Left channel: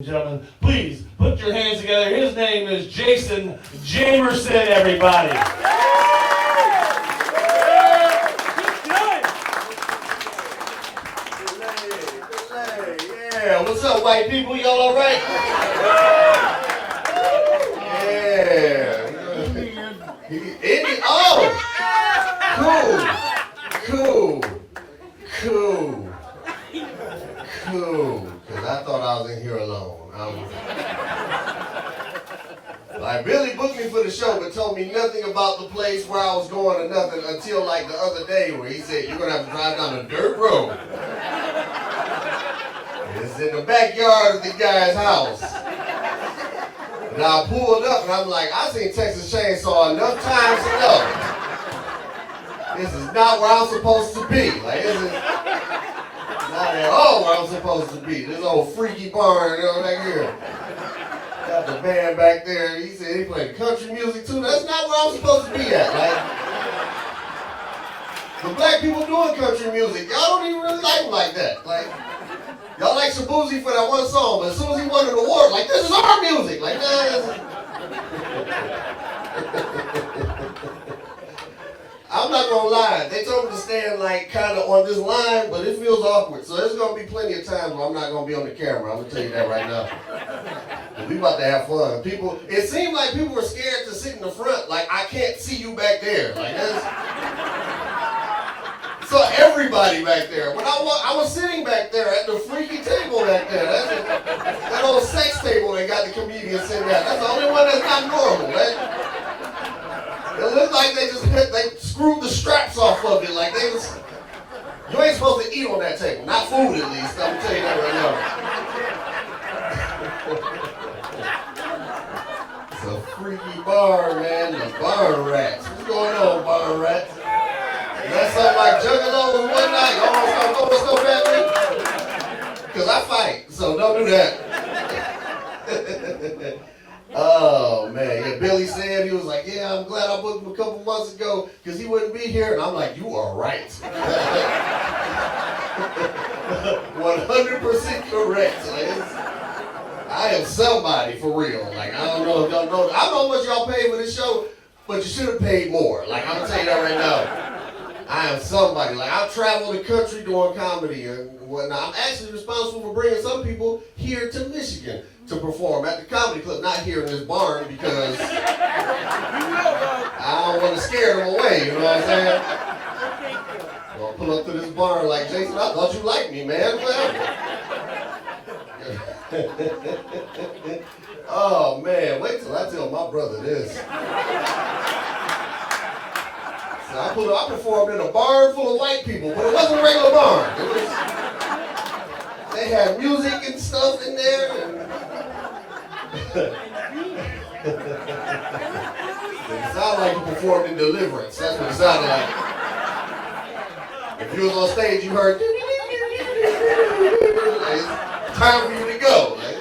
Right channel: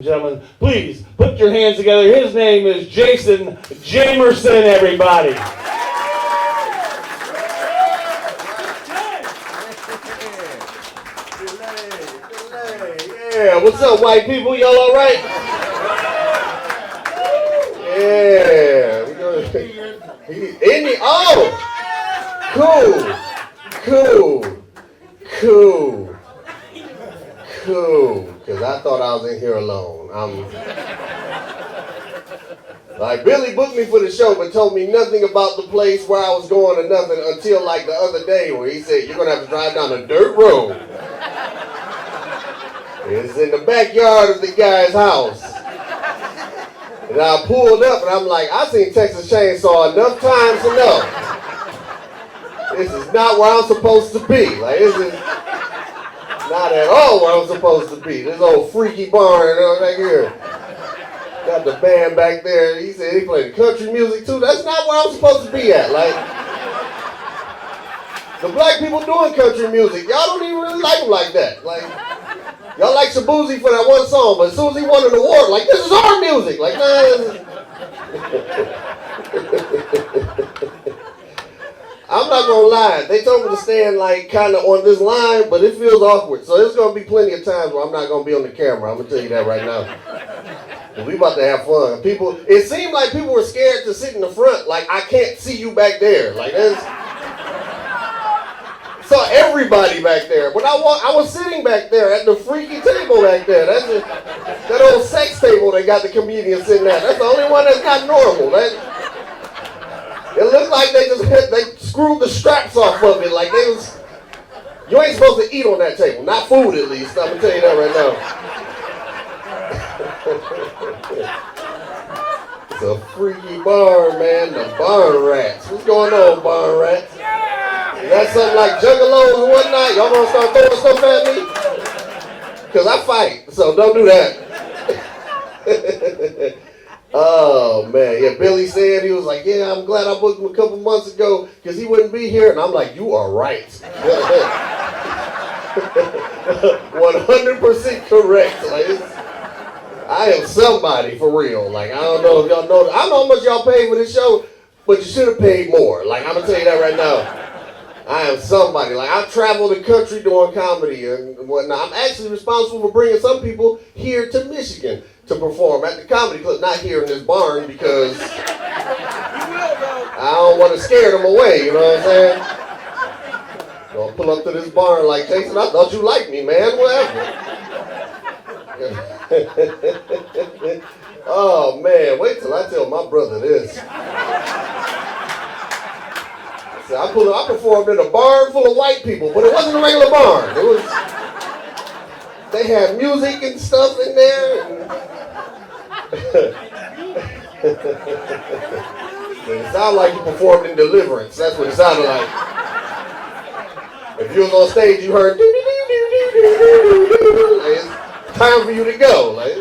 Gentlemen, please put your hands together. His name is Jamerson, everybody. Yeah, what's up, white people? Y'all all right? Yeah. Cool. Because I thought I was in here alone. Like, Billy booked me for the show, but told me nothing about the place where I was going or nothing until like the other day where he said, you're going to have to drive down a dirt road. It's in the backyard of the guy's house. And I pulled up and I'm like, I've seen Texas Chainsaw enough times to know. This is not where I'm supposed to be. Like, this is not at all where I'm supposed to be. This old freaky barn back here. Got the band back there. He said he played country music too. That's not where I'm supposed to be at. Like, the black people doing country music, y'all don't even really like them like that. Like, y'all like Shabuzi for that one song, but as soon as he won an award, like, this is our music. Like, I'm not gonna lie. They told me to stand like kind of on this line, but it feels awkward. So there's gonna be plenty of times where I'm not gonna be on the camera. I'm gonna tell you that right now. We about to have fun. People, it seemed like people were scared to sit in the front. Like, I can't see you back there. Like, that's... Saw everybody back there. When I was sitting back there at the freaky table back there. That's that old sex table they got the comedians sitting at. That's the only one that's not normal. It looked like they screwed the straps off of it. Like they was, you ain't supposed to eat on that table. Not food at least. I'm gonna tell you that right now. It's a freaky barn, man. The barn rats. What's going on, barn rats? That's something like juggalos and whatnot. Y'all want to start throwing stuff at me? Because I fight, so don't do that. Oh, man. Yeah, Billy said, he was like, yeah, I'm glad I booked him a couple months ago because he wouldn't be here. And I'm like, you are right. 100% correct. Like, I am somebody for real. Like, I don't know if y'all know. I don't know how much y'all paid for this show, but you should have paid more. Like, I'm going to tell you that right now. I am somebody. Like, I've traveled the country doing comedy and whatnot. I'm actually responsible for bringing some people here to Michigan to perform at the comedy club. Not here in this barn because I don't want to scare them away, you know what I'm saying? So I'll pull up to this barn like, Jason, I thought you liked me, man. Whatever. Oh, man. Wait till I tell my brother this. So I performed in a barn full of white people, but it wasn't a regular barn. They had music and stuff in there. It sounded like you performed in Deliverance. That's what it sounded like. If you was on stage, you heard, it's time for you to go. Like,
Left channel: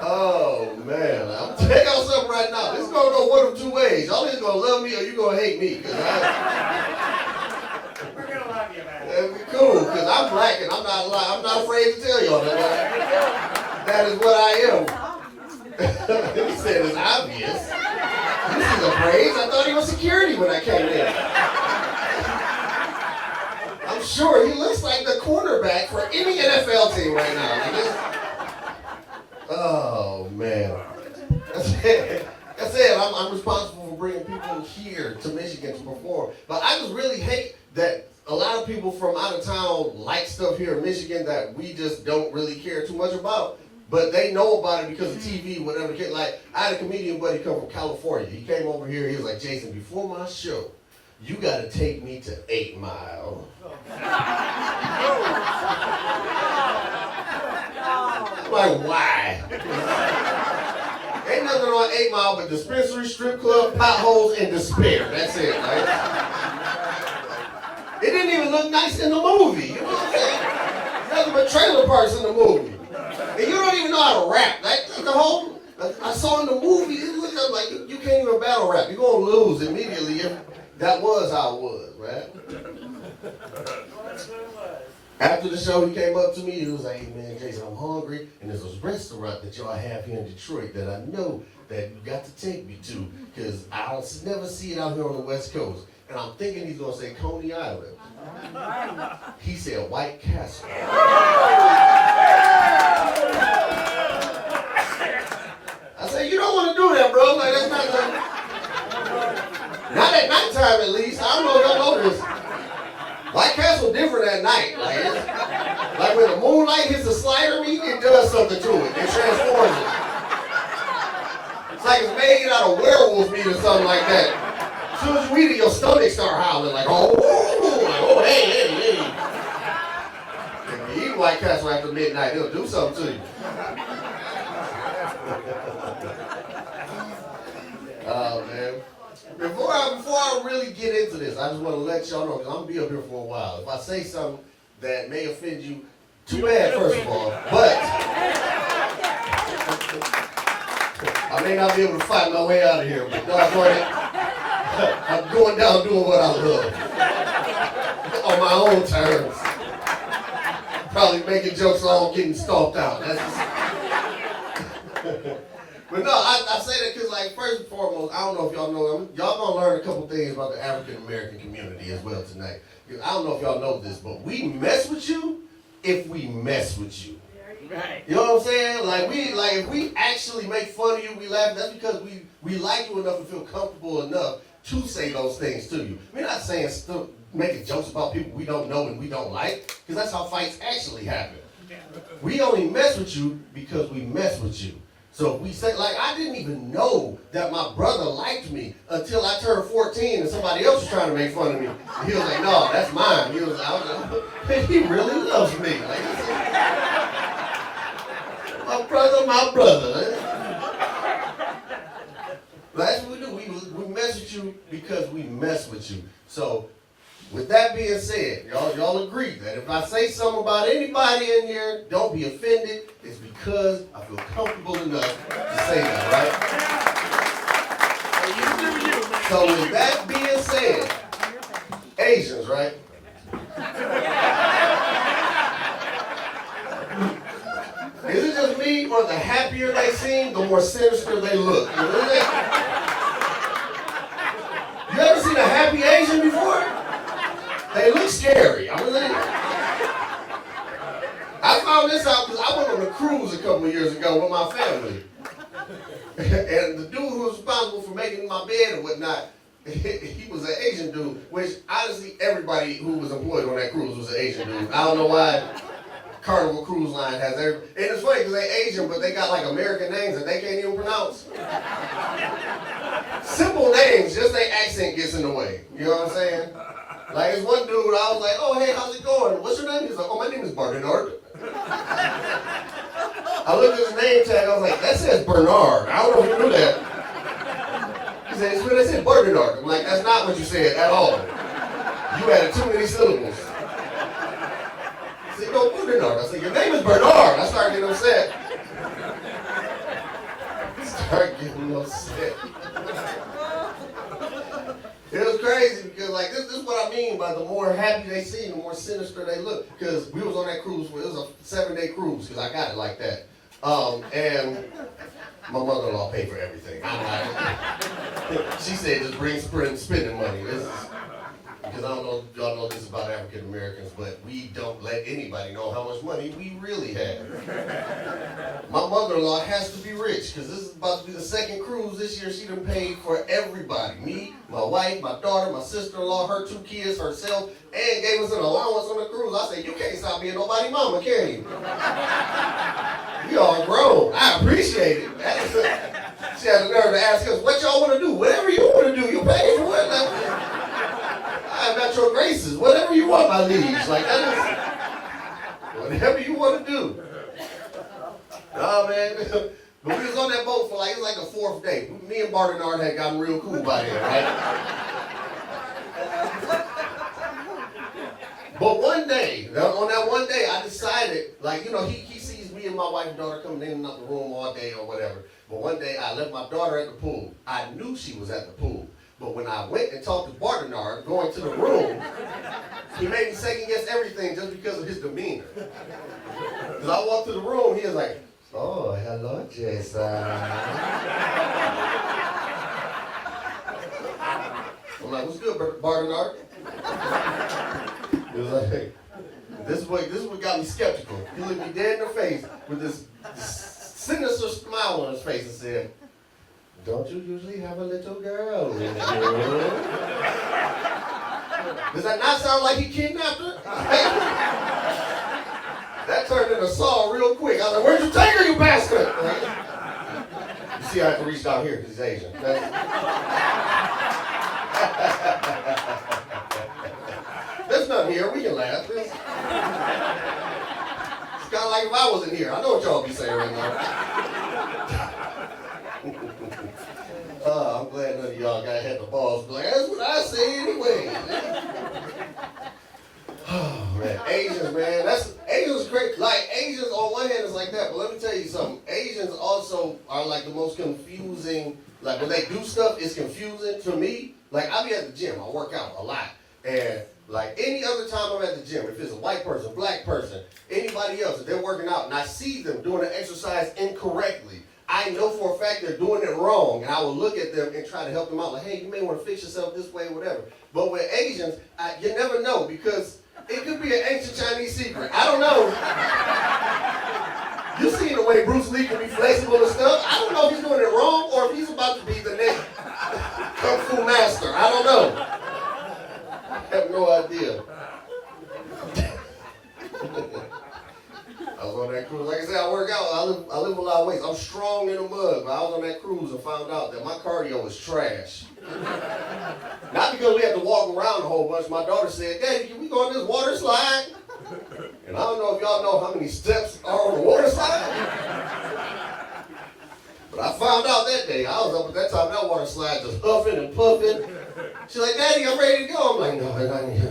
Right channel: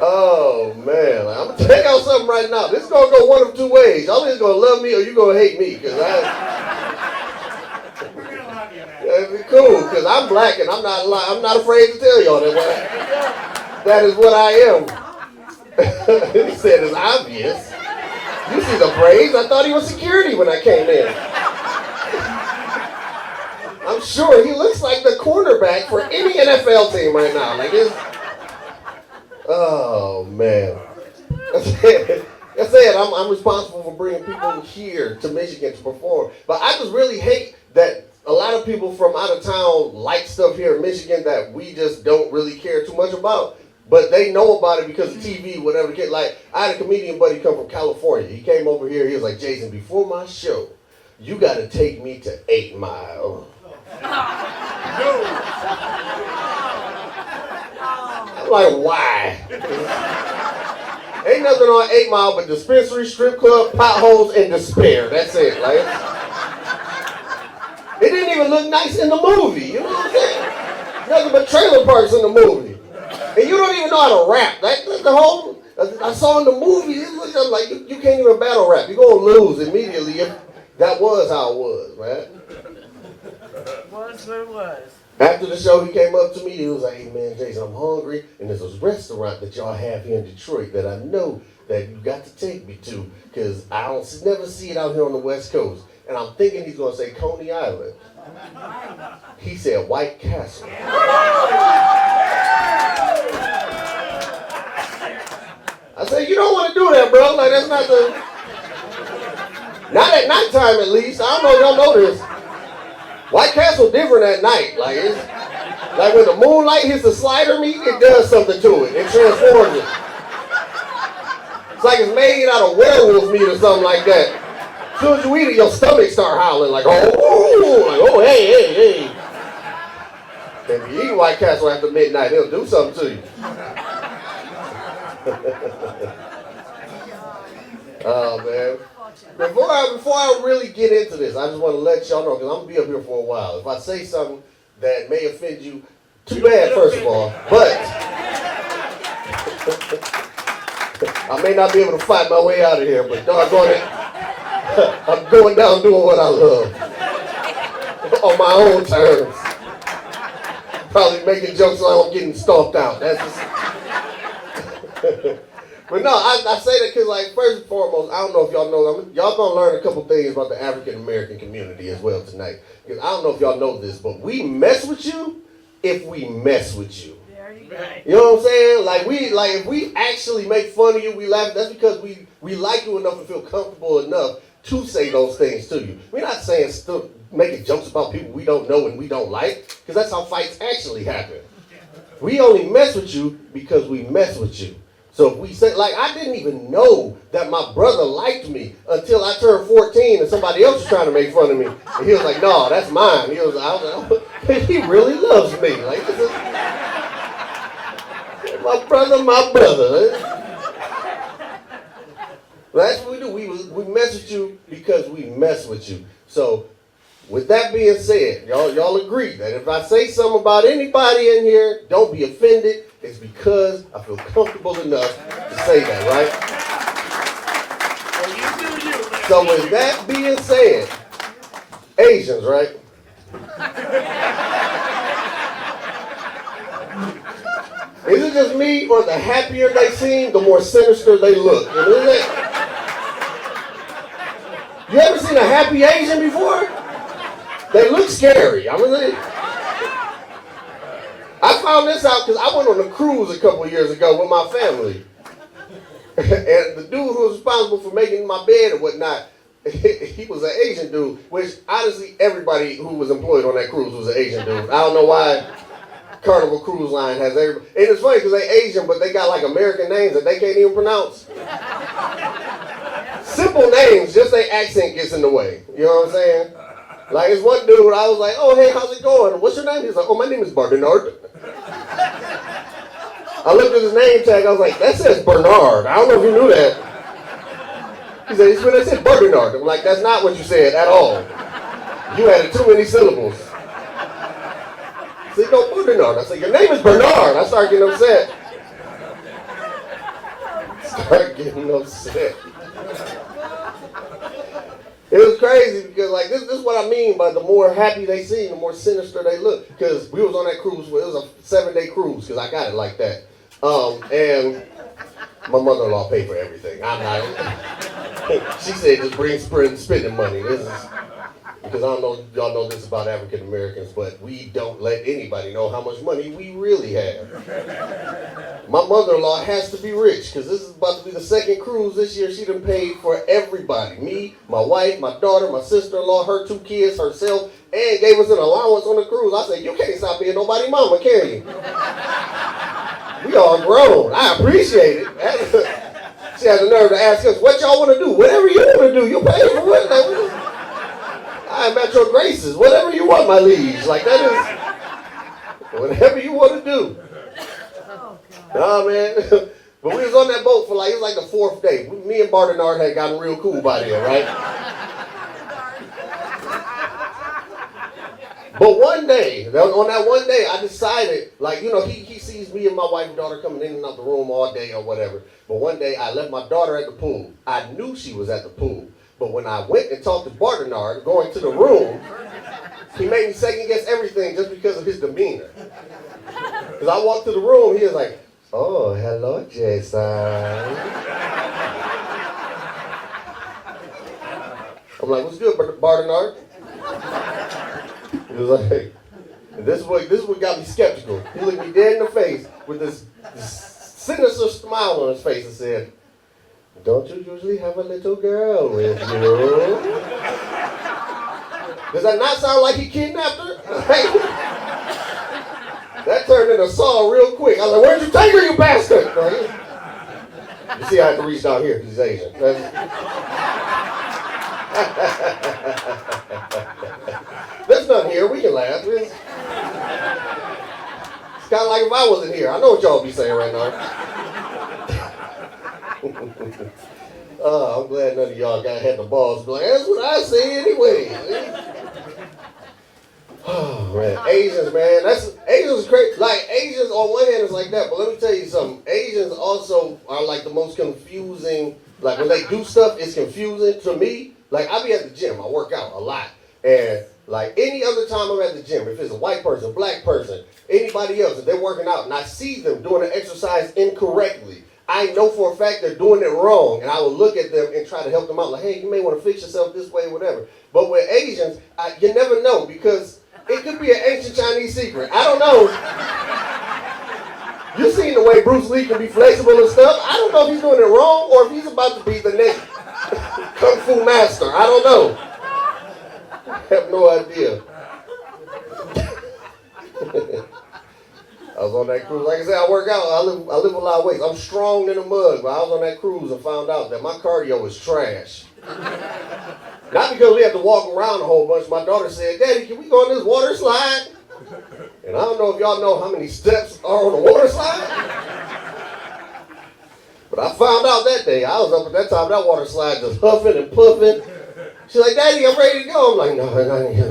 oh, man. I'm going to check out something right now. This is going to go one of two ways. Y'all either going to love me or you're going to hate me. We're going to love you, man. That'd be cool, because I'm black and I'm not afraid to tell y'all that is what I am. He said it's obvious. You see the braids? I thought he was security when I came in. I'm sure he looks like the cornerback for any NFL team right now. Like it's... Oh, man. That's it. I'm responsible for bringing people here to Michigan to perform. But I just really hate that a lot of people from out of town like stuff here in Michigan that we just don't really care too much about. But they know about it because of TV, whatever. Like, I had a comedian buddy come from California. He came over here. He was like, Jason, before my show, you got to take me to 8 Mile. I'm like, why? Ain't nothing on 8 Mile but dispensary, strip club, potholes, and despair. That's it, right? It didn't even look nice in the movie. You know what I'm saying? Nothing but trailer parks in the movie. And you don't even know how to rap. That's the whole, I saw in the movie, it looked like you can't even battle rap. You're going to lose immediately. That was how it was, man. Was what it was. After the show, he came up to me. He was like, "Hey man, Jason, I'm hungry, and there's this restaurant that y'all have here in Detroit that I know that you got to take me to, because I don't never see it out here on the West Coast." And I'm thinking he's gonna say Coney Island. He said White Castle. I said, "You don't want to do that, bro. Like that's not the. Not at nighttime, at least. I don't know if y'all know this. White Castle different at night. Like when the moonlight hits the slider meat, it does something to it. It transforms it. It's like it's made out of werewolf meat or something like that. As soon as you eat it, your stomach start howling like, oh, hey. If you eat White Castle after midnight, it'll do something to you. Oh man. Before I really get into this, I just want to let y'all know, because I'm going to be up here for a while. If I say something that may offend you, too bad, first of all, but I may not be able to fight my way out of here, but doggone it, I'm going down doing what I love. On my own terms. Probably making jokes so I'm getting stomped out. That's just... But no, I say that because, like, first and foremost, I don't know if y'all know, y'all gonna learn a couple things about the African American community as well tonight. Because I don't know if y'all know this, but we mess with you if we mess with you. You know what I'm saying? If we actually make fun of you, we laugh, that's because we like you enough and feel comfortable enough to say those things to you. We're not saying making jokes about people we don't know and we don't like, because that's how fights actually happen. We only mess with you because we mess with you. So if we say, like, I didn't even know that my brother liked me until I turned 14 and somebody else was trying to make fun of me. And he was like, "No, that's mine." He he really loves me. Like, this is my brother. That's what we do. We mess with you because we mess with you. So with that being said, y'all agree that if I say something about anybody in here, don't be offended. It's because I feel comfortable enough to say that, right? So with that being said, Asians, right? Is it just me, or the happier they seem, the more sinister they look? You ever seen a happy Asian before? They look scary. I found this out because I went on a cruise a couple of years ago with my family. And the dude who was responsible for making my bed and whatnot, he was an Asian dude, which honestly everybody who was employed on that cruise was an Asian dude. I don't know why Carnival Cruise Line has everybody. And it's funny because they're Asian, but they got like American names that they can't even pronounce. Simple names, just their accent gets in the way. You know what I'm saying? Like, it's one dude, I was like, "Oh, hey, how's it going? What's your name?" He's like, "Oh, my name is Bernard." I looked at his name tag, I was like, "That says Bernard. I don't know if you knew that." He said, "It said Bernard." I'm like, "That's not what you said at all. You added too many syllables." He said, "No, Bernard." I said, "Your name is Bernard." I started getting upset. It was crazy because, like, this is what I mean by the more happy they seem, the more sinister they look. Because we was on that cruise, it was a 7-day cruise, because I got it like that. And my mother-in-law paid for everything. I'm not. She said, "Just bring spending money." This is because I don't know if y'all know this about African Americans, but we don't let anybody know how much money we really have. My mother-in-law has to be rich, because this is about to be the second cruise this year. She done paid for everybody. Me, my wife, my daughter, my sister-in-law, her 2 kids, herself, and gave us an allowance on the cruise. I said, "You can't stop being nobody's mama, can you?" We all grown. I appreciate it. She had the nerve to ask us, "What y'all want to do?" "Whatever you want to do. You pay for what?" Like, "I am at your graces. Whatever you want, my liege." Like, that is whatever you want to do. Nah, man. But we was on that boat for it was like the 4th day. Me and Bernard had gotten real cool by then, right? But one day, on that one day, I decided, he sees me and my wife and daughter coming in and out the room all day or whatever. But one day, I left my daughter at the pool. I knew she was at the pool. But when I went and talked to Bernard, going to the room, He made me second guess everything just because of his demeanor. Because I walked through the room, he was like, "Oh, hello, Jason." I'm like, "What's good, Bardenard?" He was like, "Hey." This is what got me skeptical. He looked me dead in the face with this sinister smile on his face and said, "Don't you usually have a little girl with you?" Does that not sound like he kidnapped her? That turned into Saul real quick. I was like, "Where'd you take her, you bastard?" You see, I have to reach down here because he's Asian. There's nothing here. We can laugh. It's kind of like if I wasn't here. I know what y'all be saying right now. I'm glad none of y'all had the balls to be like, "That's what I say anyway." Oh man, Asians, man, Asians great. Like Asians on one hand is like that, but let me tell you something. Asians also are like the most confusing. Like when they do stuff, it's confusing to me. Like I be at the gym, I work out a lot, and like any other time I'm at the gym, if it's a white person, black person, anybody else, if they're working out, and I see them doing the exercise incorrectly, I know for a fact they're doing it wrong, and I will look at them and try to help them out. Like, "Hey, you may want to fix yourself this way, or whatever." But with Asians, you never know because it could be an ancient Chinese secret. I don't know. You seen the way Bruce Lee can be flexible and stuff. I don't know if he's doing it wrong or if he's about to be the next Kung Fu master. I don't know. I have no idea. I was on that cruise. Like I said, I work out. I live a lot of weights. I'm strong in the mud, but I was on that cruise and found out that my cardio was trash. Not because we have to walk around a whole bunch. My daughter said, "Daddy, can we go on this water slide?" And I don't know if y'all know how many steps are on a water slide. But I found out that day. I was up at that time, that water slide just huffing and puffing. She's like, "Daddy, I'm ready to go." I'm like, "No, not yet."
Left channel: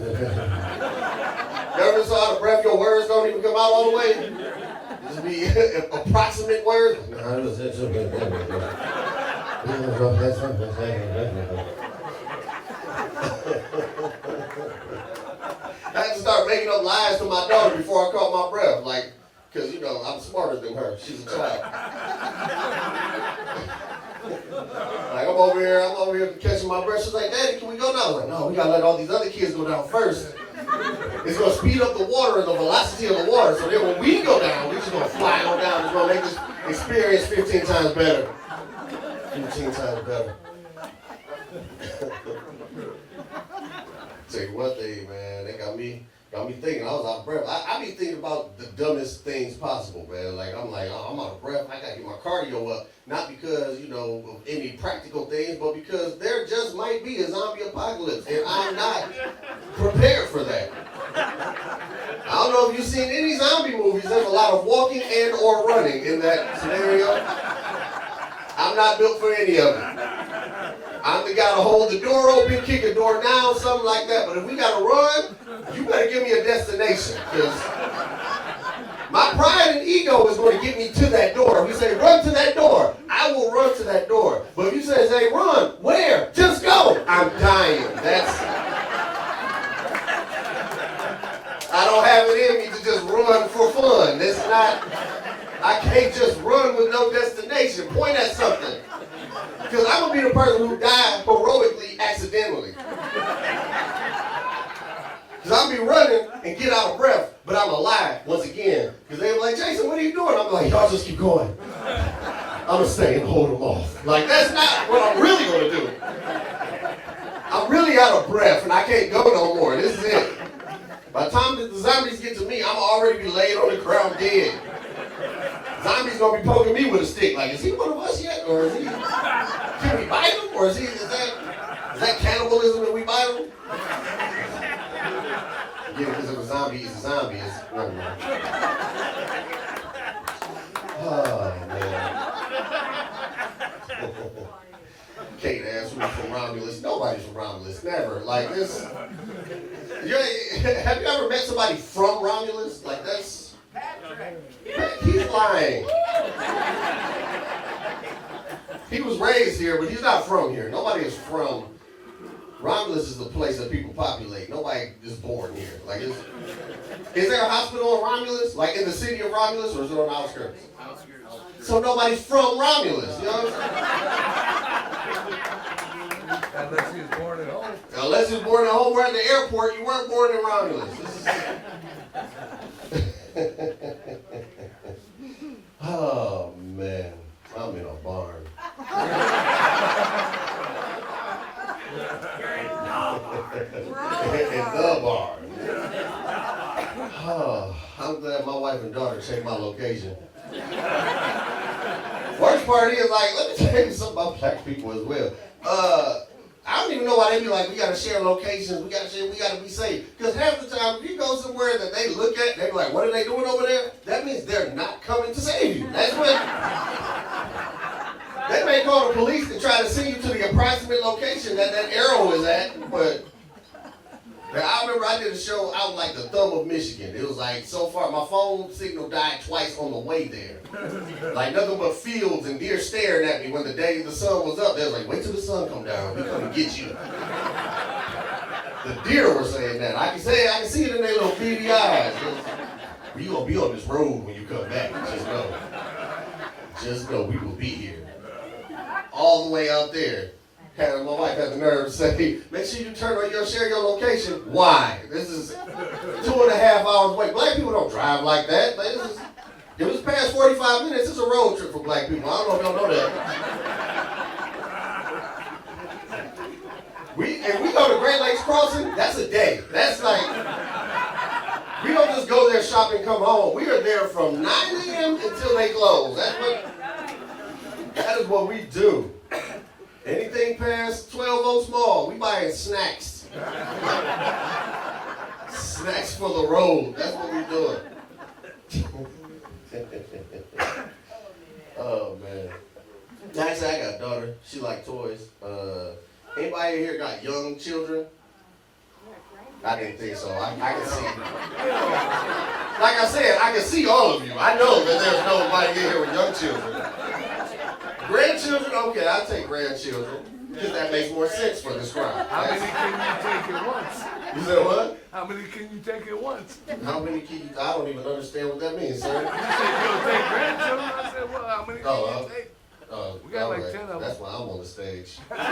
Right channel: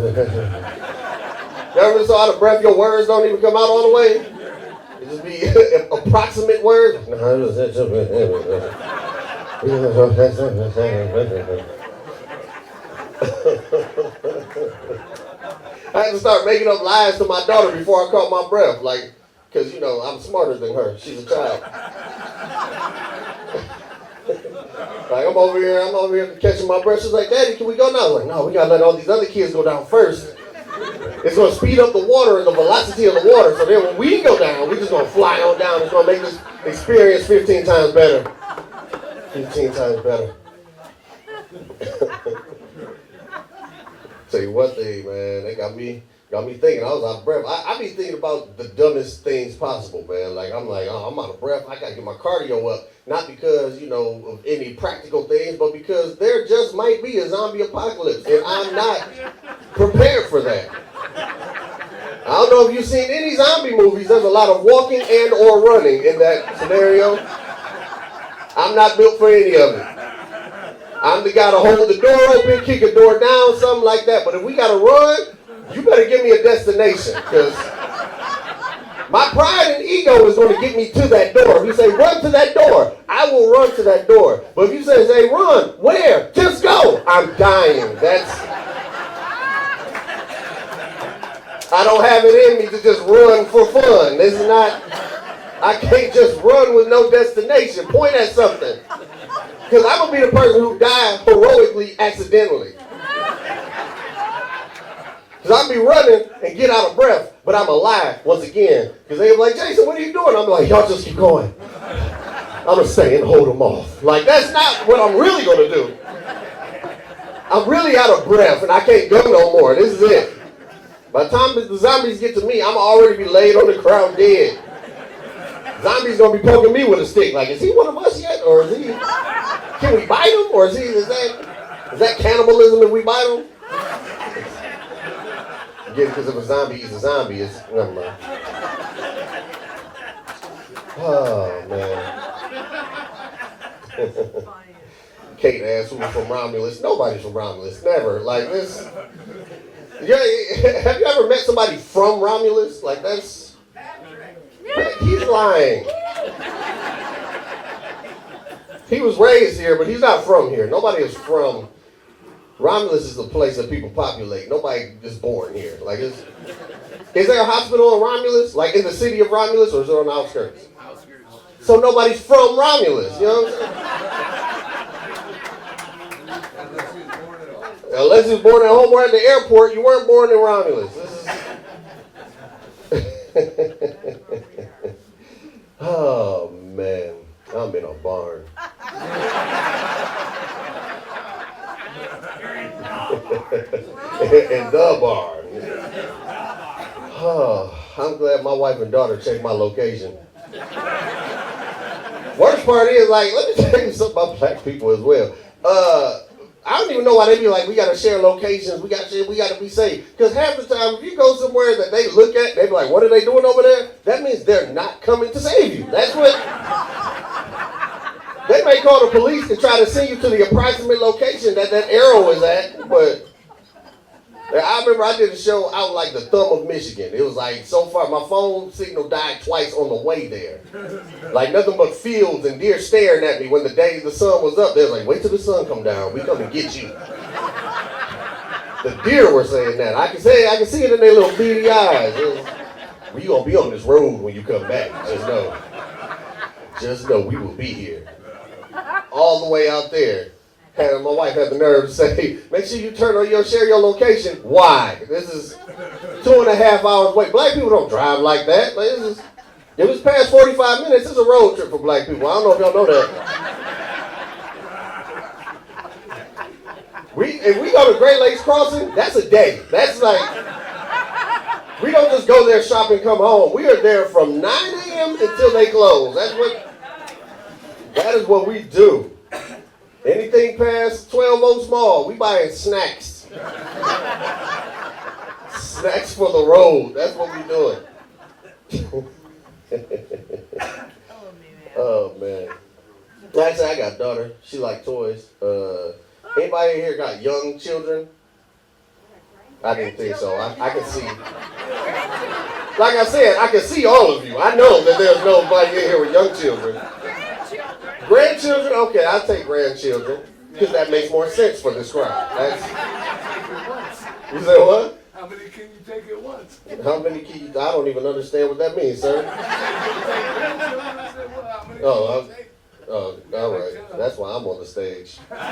You ever been so out of breath your words don't even come out all the way? It just be approximate words. I had to start making up lies to my daughter before I caught my breath, like, because, you know, I'm smarter than her. She's a child. Like, I'm over here catching my breath. She's like, "Daddy, can we go now?" I was like, "No, we got to let all these other kids go down first. It's going to speed up the water and the velocity of the water, so then when we go down, we're just going to fly on down. It's going to make this experience 15 times better. 15 times better." Tell you what thing, man, they got me thinking. I was out of breath. I be thinking about the dumbest things possible, man. Like, I'm like, "Oh, I'm out of breath. I got to get my cardio up." Not because, you know, of any practical things, but because there just might be a zombie apocalypse, and I'm not prepared for that. I don't know if you've seen any zombie movies. There's a lot of walking and or running in that scenario. I'm not built for any of it. I'm the guy to hold the door open, kick a door down, something like that. But if we got to run, you better give me a destination, because my pride and ego is going to get me to that door. If you say, "Run to that door," I will run to that door. But if you say, "Run," where? Just go. I'm dying. I don't have it in me to just run for fun. This is not, I can't just run with no destination. Point at something. Because I'm going to be the person who died heroically accidentally. Because I'll be running and get out of breath, but I'm alive once again. Because they'll be like, "Jason, what are you doing?" I'm like, "Y'all just keep going. I'm going to stay and hold them off." Like, that's not what I'm really going to do. I'm really out of breath and I can't go no more. This is it. By the time the zombies get to me, I'm already be laid on the ground dead. Zombies going to be poking me with a stick. Like, is he one of us yet? Or is he, can we bite him? Or is that cannibalism if we bite him? Again, because if a zombie eats a zombie, it's never mind. Oh, man. Kate asked who was from Romulus. Nobody's from Romulus. Never. Like this. Yeah, have you ever met somebody from Romulus? Like that's. He's lying. He was raised here, but he's not from here. Nobody is from Romulus is the place that people populate. Nobody is born here. Like, is there a hospital in Romulus? Like in the city of Romulus, or is it on the outskirts? Outskirts. So nobody's from Romulus, you know what I'm saying? Unless he was born at home. Unless you was born at home or at the airport, you weren't born in Romulus. Oh, man. I'm in a barn. In the barn. Oh, I'm glad my wife and daughter checked my location. Worst part is, like, let me tell you something about black people as well. I don't even know why they be like, we gotta share locations, we gotta be safe. Because half the time, if you go somewhere that they look at, they be like, what are they doing over there? That means they're not coming to save you. That's what. They may call the police to try to send you to the approximate location that arrow is at, but I remember I did a show out like the thumb of Michigan. It was like, so far, my phone signal died twice on the way there. Like nothing but fields and deer staring at me when the day the sun was up. They was like, wait till the sun come down. We come and get you. The deer were saying that. I can see it in their little beady eyes. We gonna be on this road when you come back. Just know we will be here. All the way out there. My wife had the nerve to say, make sure you share your location. Why? This is 2.5 hours away. Black people don't drive like that. It was past 45 minutes. It's a road trip for black people. I don't know if y'all know that. If we go to Great Lakes Crossing, that's a day. That's like, we don't just go there, shop, and come home. We are there from 9 a.m. until they close. That is what we do. Anything past 12 small, we buying snacks. Snacks for the road. That's what we doing. Oh, man. Actually, I got a daughter. She like toys. Anybody in here got young children? I didn't think so. I can see. Like I said, I can see all of you. I know that there's nobody in here with young children. Grandchildren? Okay, I'll take grandchildren. Because that makes more sense for this crowd. How many can you take at once? You said what? How many can you take at once? How many kids? I don't even understand what that means, sir. You take grandchildren? I said, well, how many can you take? Oh, all right. That's why I'm on the stage. That's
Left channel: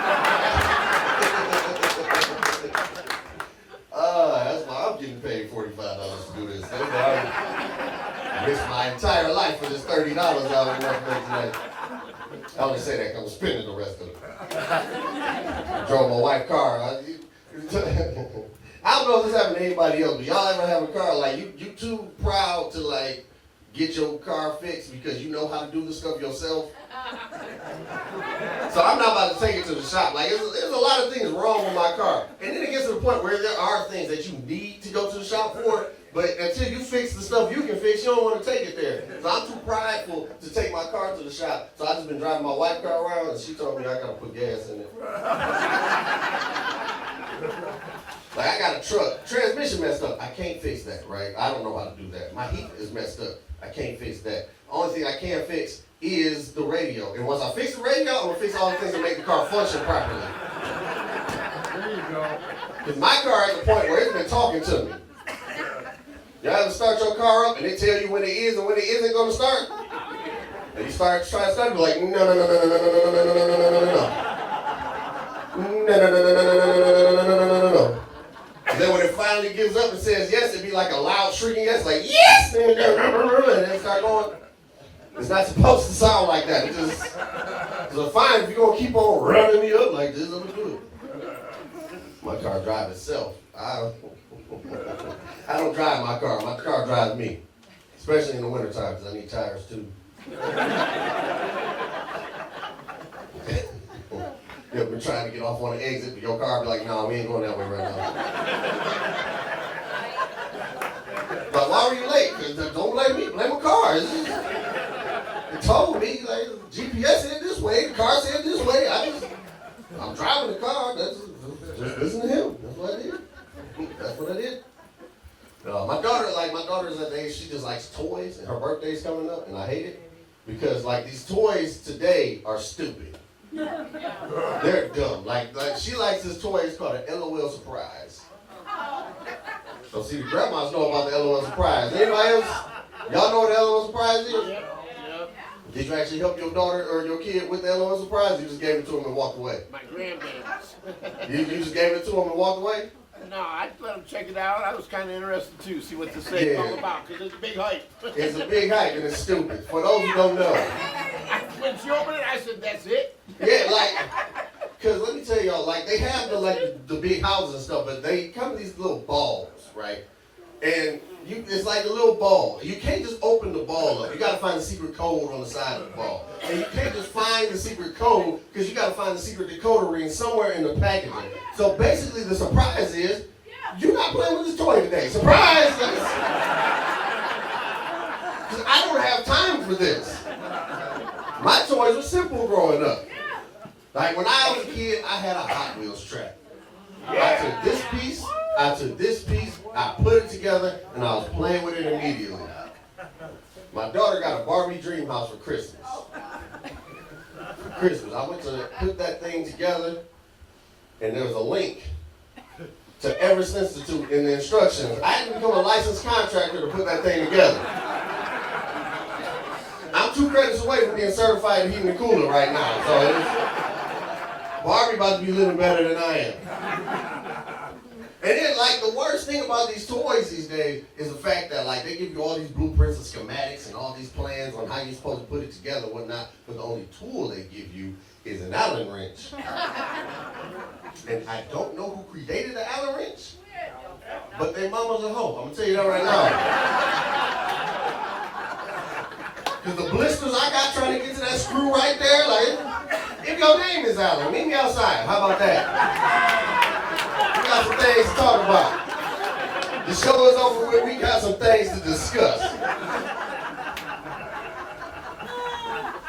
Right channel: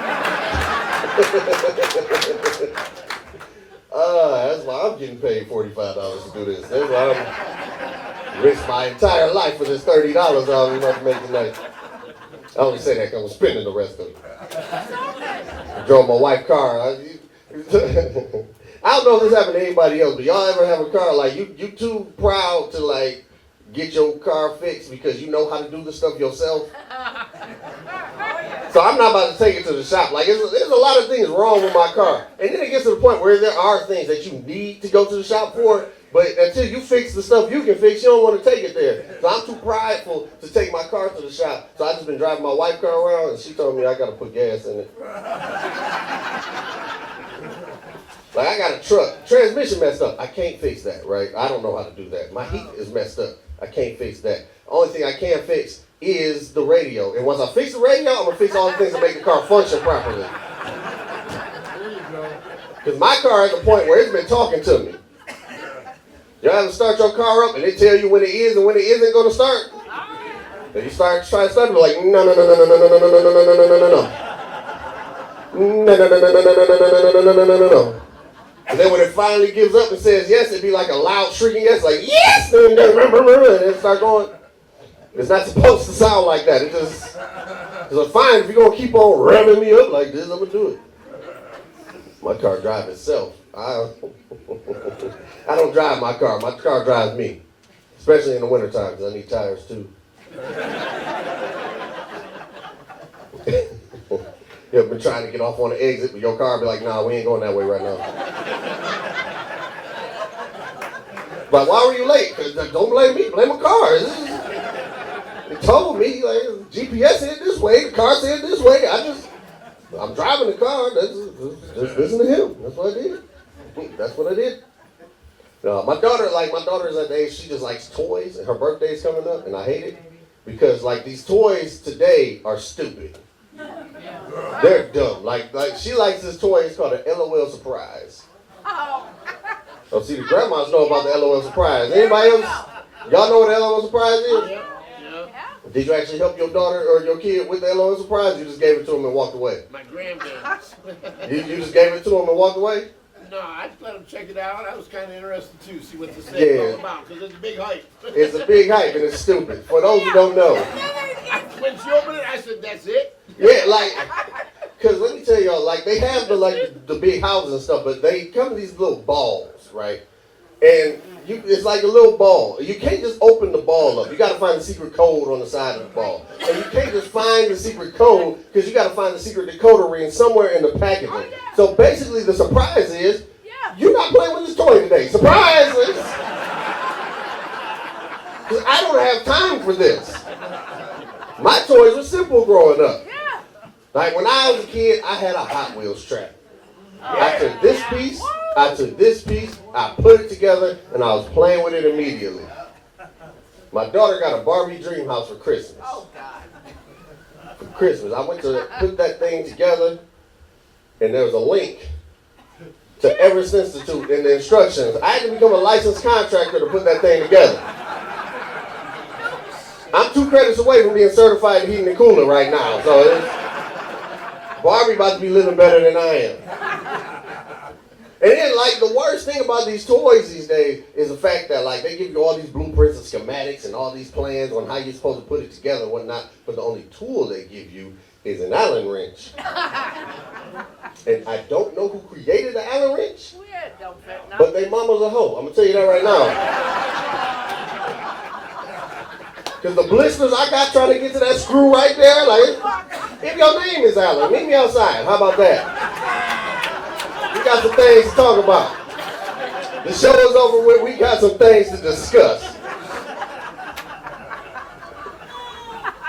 why I'm getting paid $45 to do this. That's why I risked my entire life for this $30 I was about to make tonight. I only say that because I'm spending the rest of it. I drove my wife's car. I don't know if this happened to anybody else, but y'all ever have a car like you too proud to like get your car fixed because you know how to do the stuff yourself? So I'm not about to take it to the shop. Like there's a lot of things wrong with my car. And then it gets to the point where there are things that you need to go to the shop for, but until you fix the stuff you can fix, you don't want to take it there. So I'm too prideful to take my car to the shop. So I just been driving my wife's car around, and she told me I got to put gas in it. Like I got a truck, transmission messed up. I can't fix that, right? I don't know how to do that. My heat is messed up. I can't fix that. Only thing I can fix is the radio. And once I fix the radio, I'm going to fix all the things that make the car function properly. There you go. Because my car is at the point where it's been talking to me. You ever start your car up and they tell you when it is and when it isn't going to start? And you start trying to start it, like, no. No. And then when it finally gives up and says yes, it'd be like a loud shrieking yes, like, yes! And then start going. It's not supposed to sound like that. It just, because I'm fine, if you're going to keep on revving me up like this, I'm going to do it. My car drives itself. I don't drive my car. My car drives me. Especially in the wintertime, because I need tires too. You've been trying to get off on the exit, but your car be like, nah, we ain't going that way right now. But why were you late? Don't blame me, blame my car. It told me, like, GPS said this way, the car said this way. I'm driving the car, just listen to him. That's what I did. That's what I did. My daughter is at the age, she just likes toys, and her birthday's coming up, and I hate it. Because, like, these toys today are stupid. They're dumb. Like she likes this toy. It's called an LOL surprise. Oh, see, the grandmas know about the LOL surprise. Anybody else? Y'all know what the LOL surprise is? Yeah. Did you actually help your daughter or your kid with the LOL surprise? You just gave it to them and walked away. My grandparents. You just gave it to them and walked away? No, I let them check it out. I was kind of interested too, see what this thing's all about, because it's a big hype. It's a big hype and it's stupid. For those who don't know. When she opened it, I said, "That's it." Yeah, like, cause let me tell y'all, like they have the big houses and stuff, but they come in these little balls, right? And it's like a little ball. You can't just open the ball up. You got to find the secret code on the side of the ball. And you can't just find the secret code because you got to find the secret decoder ring somewhere in the packaging. So basically, the surprise is you're not playing with this toy today. Surprise! Because I don't have time for this. My toys were simple growing up. Like when I was a kid, I had a Hot Wheels track. I took this piece, I put it together, and I was playing with it immediately. My daughter got a Barbie dream house for Christmas. I went to put that thing together, and there was a link to Everest Institute in the instructions. I had to become a licensed contractor to put that thing together. I'm 2 credits away from being certified in heating and cooling right now, so Barbie about to be living better than I am. And then, like, the worst thing about these toys these days is the fact that, like, they give you all these blueprints and schematics and all these plans on how you're supposed to put it together and whatnot, but the only tool they give you is an Allen wrench. And I don't know who created the Allen wrench, but they mama's a hoe. I'm gonna tell you that right now. Because the blisters I got trying to get to that screw right there, like, if your name is Allen, meet me outside. How about that? We got some things to talk about. The show is over with. We got some things to discuss.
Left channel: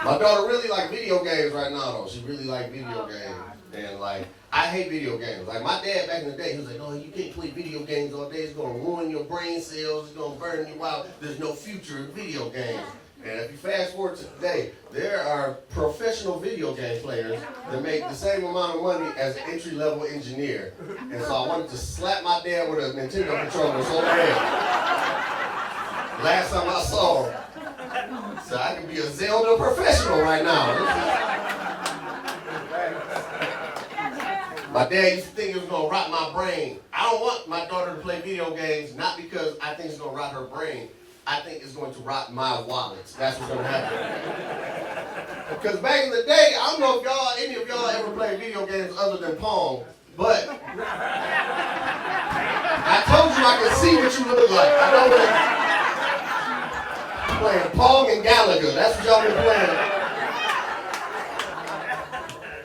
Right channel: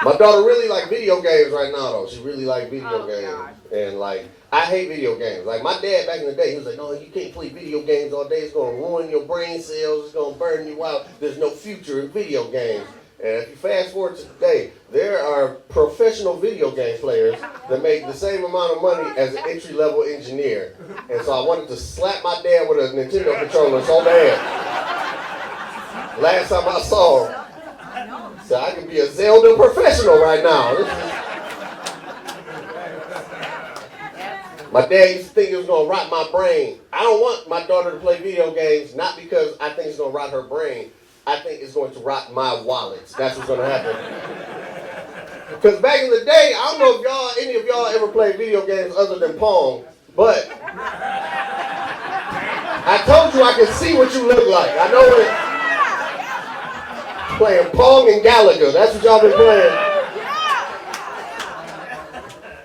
My daughter really like video games right now, though. She really like video games. And, like, I hate video games. Like, my dad back in the day, he was like, "Oh, you can't play video games all day. It's going to ruin your brain cells. It's going to burn you out. There's no future in video games." And if you fast forward to today, there are professional video game players that make the same amount of money as an entry-level engineer. And so I wanted to slap my dad with a Nintendo controller so bad. Last time I saw him, so I can be a Zelda professional right now. My dad used to think it was going to rot my brain. I don't want my daughter to play video games, not because I think it's going to rot her brain. I think it's going to rot my wallet. That's what's going to happen. Because back in the day, I don't know if any of y'all ever played video games other than Pong, but I told you I could see what you look like. I know it. Playing Pong and Gallagher. That's what y'all been playing.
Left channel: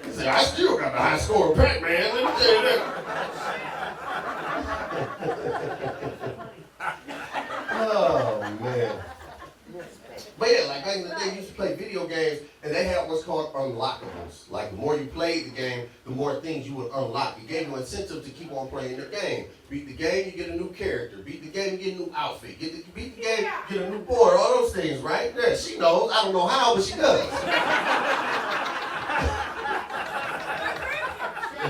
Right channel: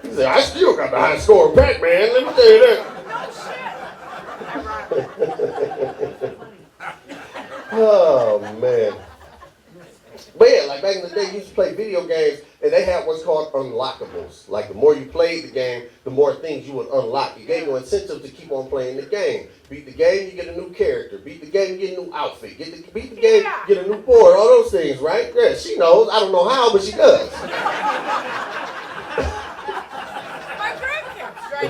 He said, "I still got the high score Pac-Man. Let me tell you that." Oh, man. But yeah, like back in the day, you used to play video games, and they had what's called unlockables. Like the more you played the game, the more things you would unlock. It gave you incentive to keep on playing the game. Beat the game, you get a new character. Beat the game, you get a new outfit. Beat the game, you get a new board. All those things, right? Yeah, she knows. I don't know how, but she does.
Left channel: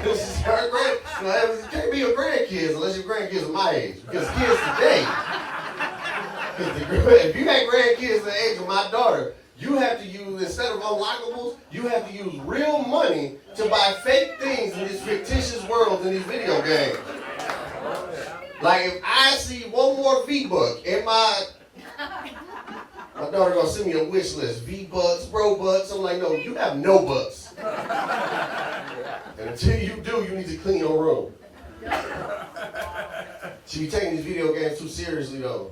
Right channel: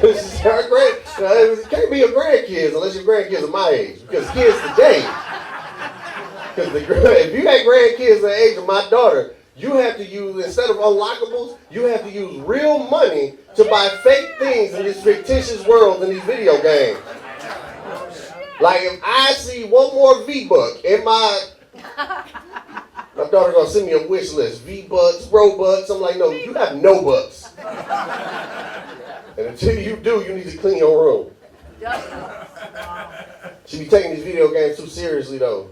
She's her it can't be your grandkids unless your grandkids are my age. Because kids today, if you had grandkids the age of my daughter, you have to use, instead of unlockables, you have to use real money to buy fake things in this fictitious world in these video games. Like if I see one more V-Buck in my daughter gonna send me a wish list. V-Bucks, Robux. I'm like, no, you have no bucks. And until you do, you need to clean your room. She be taking these video games too seriously though.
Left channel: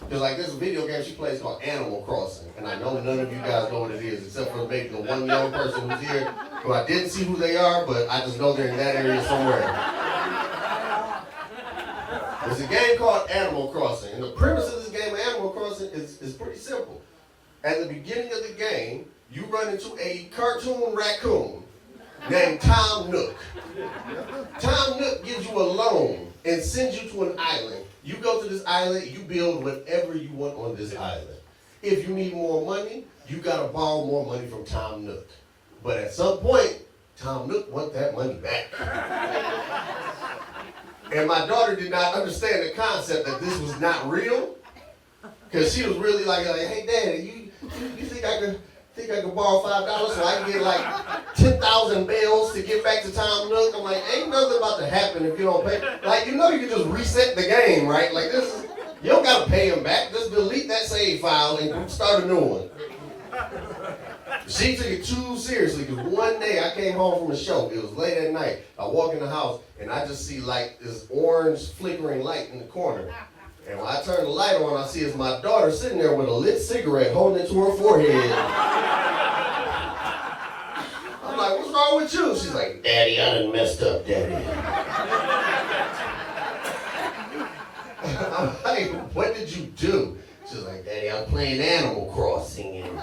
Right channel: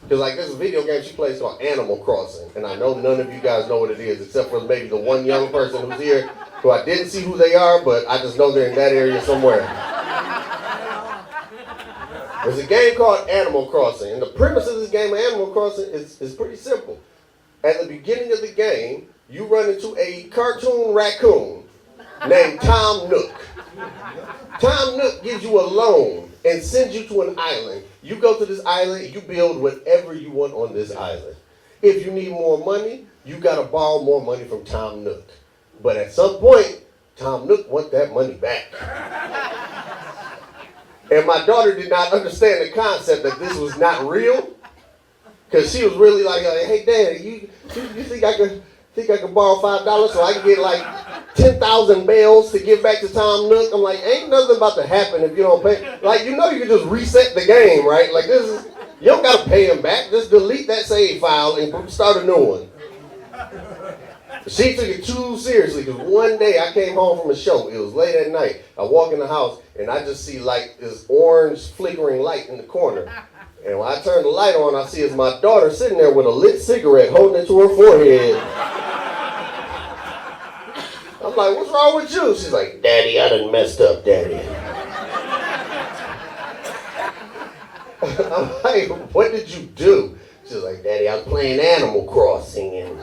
Because like there's a video game she plays called Animal Crossing. And I know none of you guys know what it is, except for maybe the one young person who's here who I didn't see who they are, but I just know they're in that area somewhere. There's a game called Animal Crossing. And the premise of this game of Animal Crossing is pretty simple. At the beginning of the game, you run into a cartoon raccoon named Tom Nook. Tom Nook gives you a loan and sends you to an island. You go to this island, you build whatever you want on this island. If you need more money, you gotta borrow more money from Tom Nook. But at some point, Tom Nook want that money back. And my daughter did not understand the concept that this was not real. Because she was really like, hey, Daddy, you think I could borrow $5 so I can get like 10,000 bells to give back to Tom Nook? I'm like, ain't nothing about to happen if you don't pay. Like, you know you can just reset the game, right? Like, you don't got to pay him back. Just delete that save file and start a new one. She took it too seriously, because one day I came home from a show. It was late at night. I walk in the house, and I just see like this orange flickering light in the corner. And when I turn the light on, I see it's my daughter sitting there with a lit cigarette holding it to her forehead. I'm like, what's wrong with you? She's like, Daddy, I done messed up, Daddy. I'm like, what did you do? She's like, Daddy, I'm playing Animal Crossing, and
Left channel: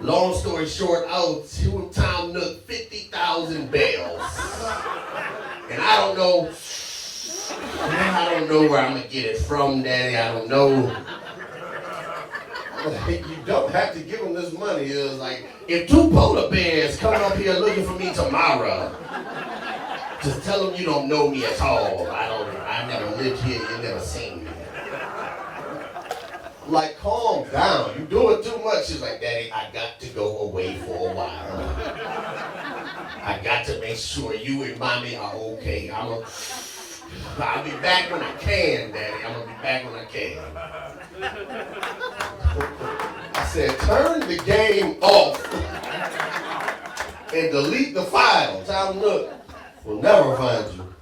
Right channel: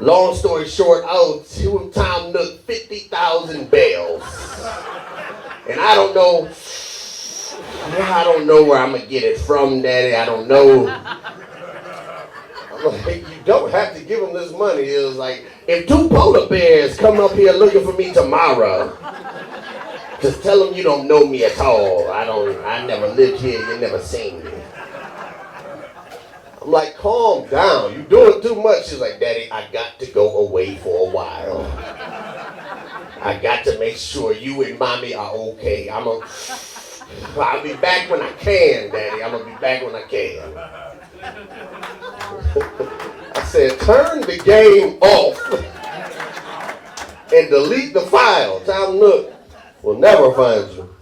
long story short, I owed Tom Nook 50,000 bells. And I don't know where I'm going to get it from, Daddy. I don't know. Like, you don't have to give him this money. It was like, if 2 polar bears come up here looking for me tomorrow, just tell them you don't know me at all. I never lived here. You never seen me. I'm like, calm down. You're doing too much. She's like, Daddy, I got to go away for a while. I got to make sure you and Mommy are okay. I'll be back when I can, Daddy. I'm going to be back when I can. I said, turn the game off and delete the file. Tom Nook will never find you.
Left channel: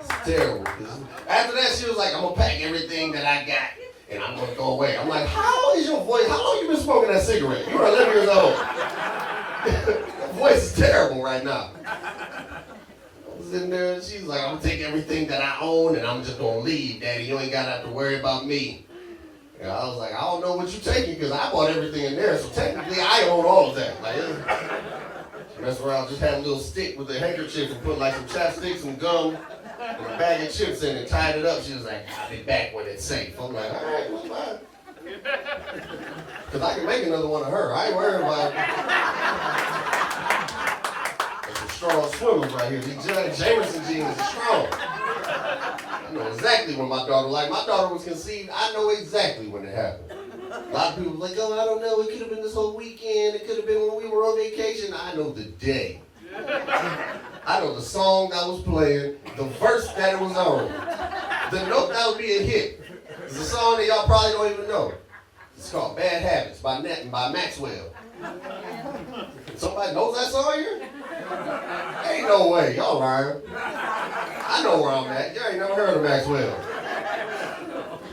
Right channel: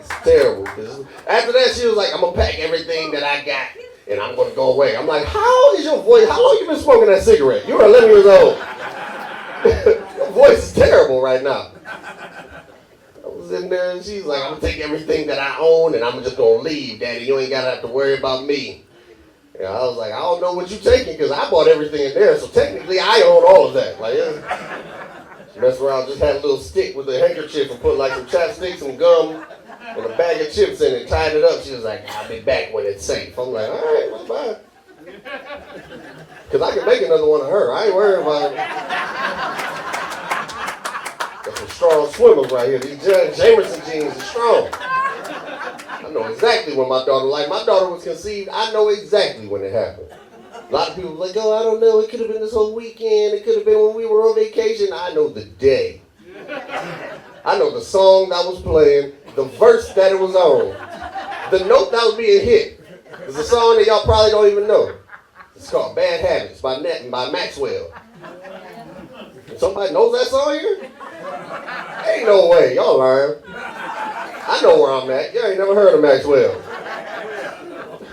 It's terrible. After that, she was like, I'm going to pack everything that I got and I'm going to go away. I'm like, how is your voice? How long you been smoking that cigarette? You're 11 years old. Your voice is terrible right now. I was in there and she's like, I'm going to take everything that I own and I'm just going to leave, Daddy. You ain't got to have to worry about me. And I was like, I don't know what you're taking because I bought everything in there. So technically, I own all of that. Like, she messed around, just had a little stick with a handkerchief and put like some chapstick, some gum, and a bag of chips in it, tied it up. She was like, I'll be back when it's safe. I'm like, all right, well, bye. Because I can make another one of her. I ain't worried about it. Got some strong swimmers right here. These Jamerson jeans are strong. I know exactly when my daughter, like my daughter was conceived, I know exactly when it happened. A lot of people were like, oh, I don't know, it could have been this whole weekend, it could have been when we were on vacation. I know the day. I know the song that was playing, the verse that it was on, the note that was being hit. It's a song that y'all probably don't even know. It's called Bad Habits by Maxwell. Somebody knows that song here? Ain't no way, y'all lying. I know where I'm at. Y'all ain't never heard of Maxwell.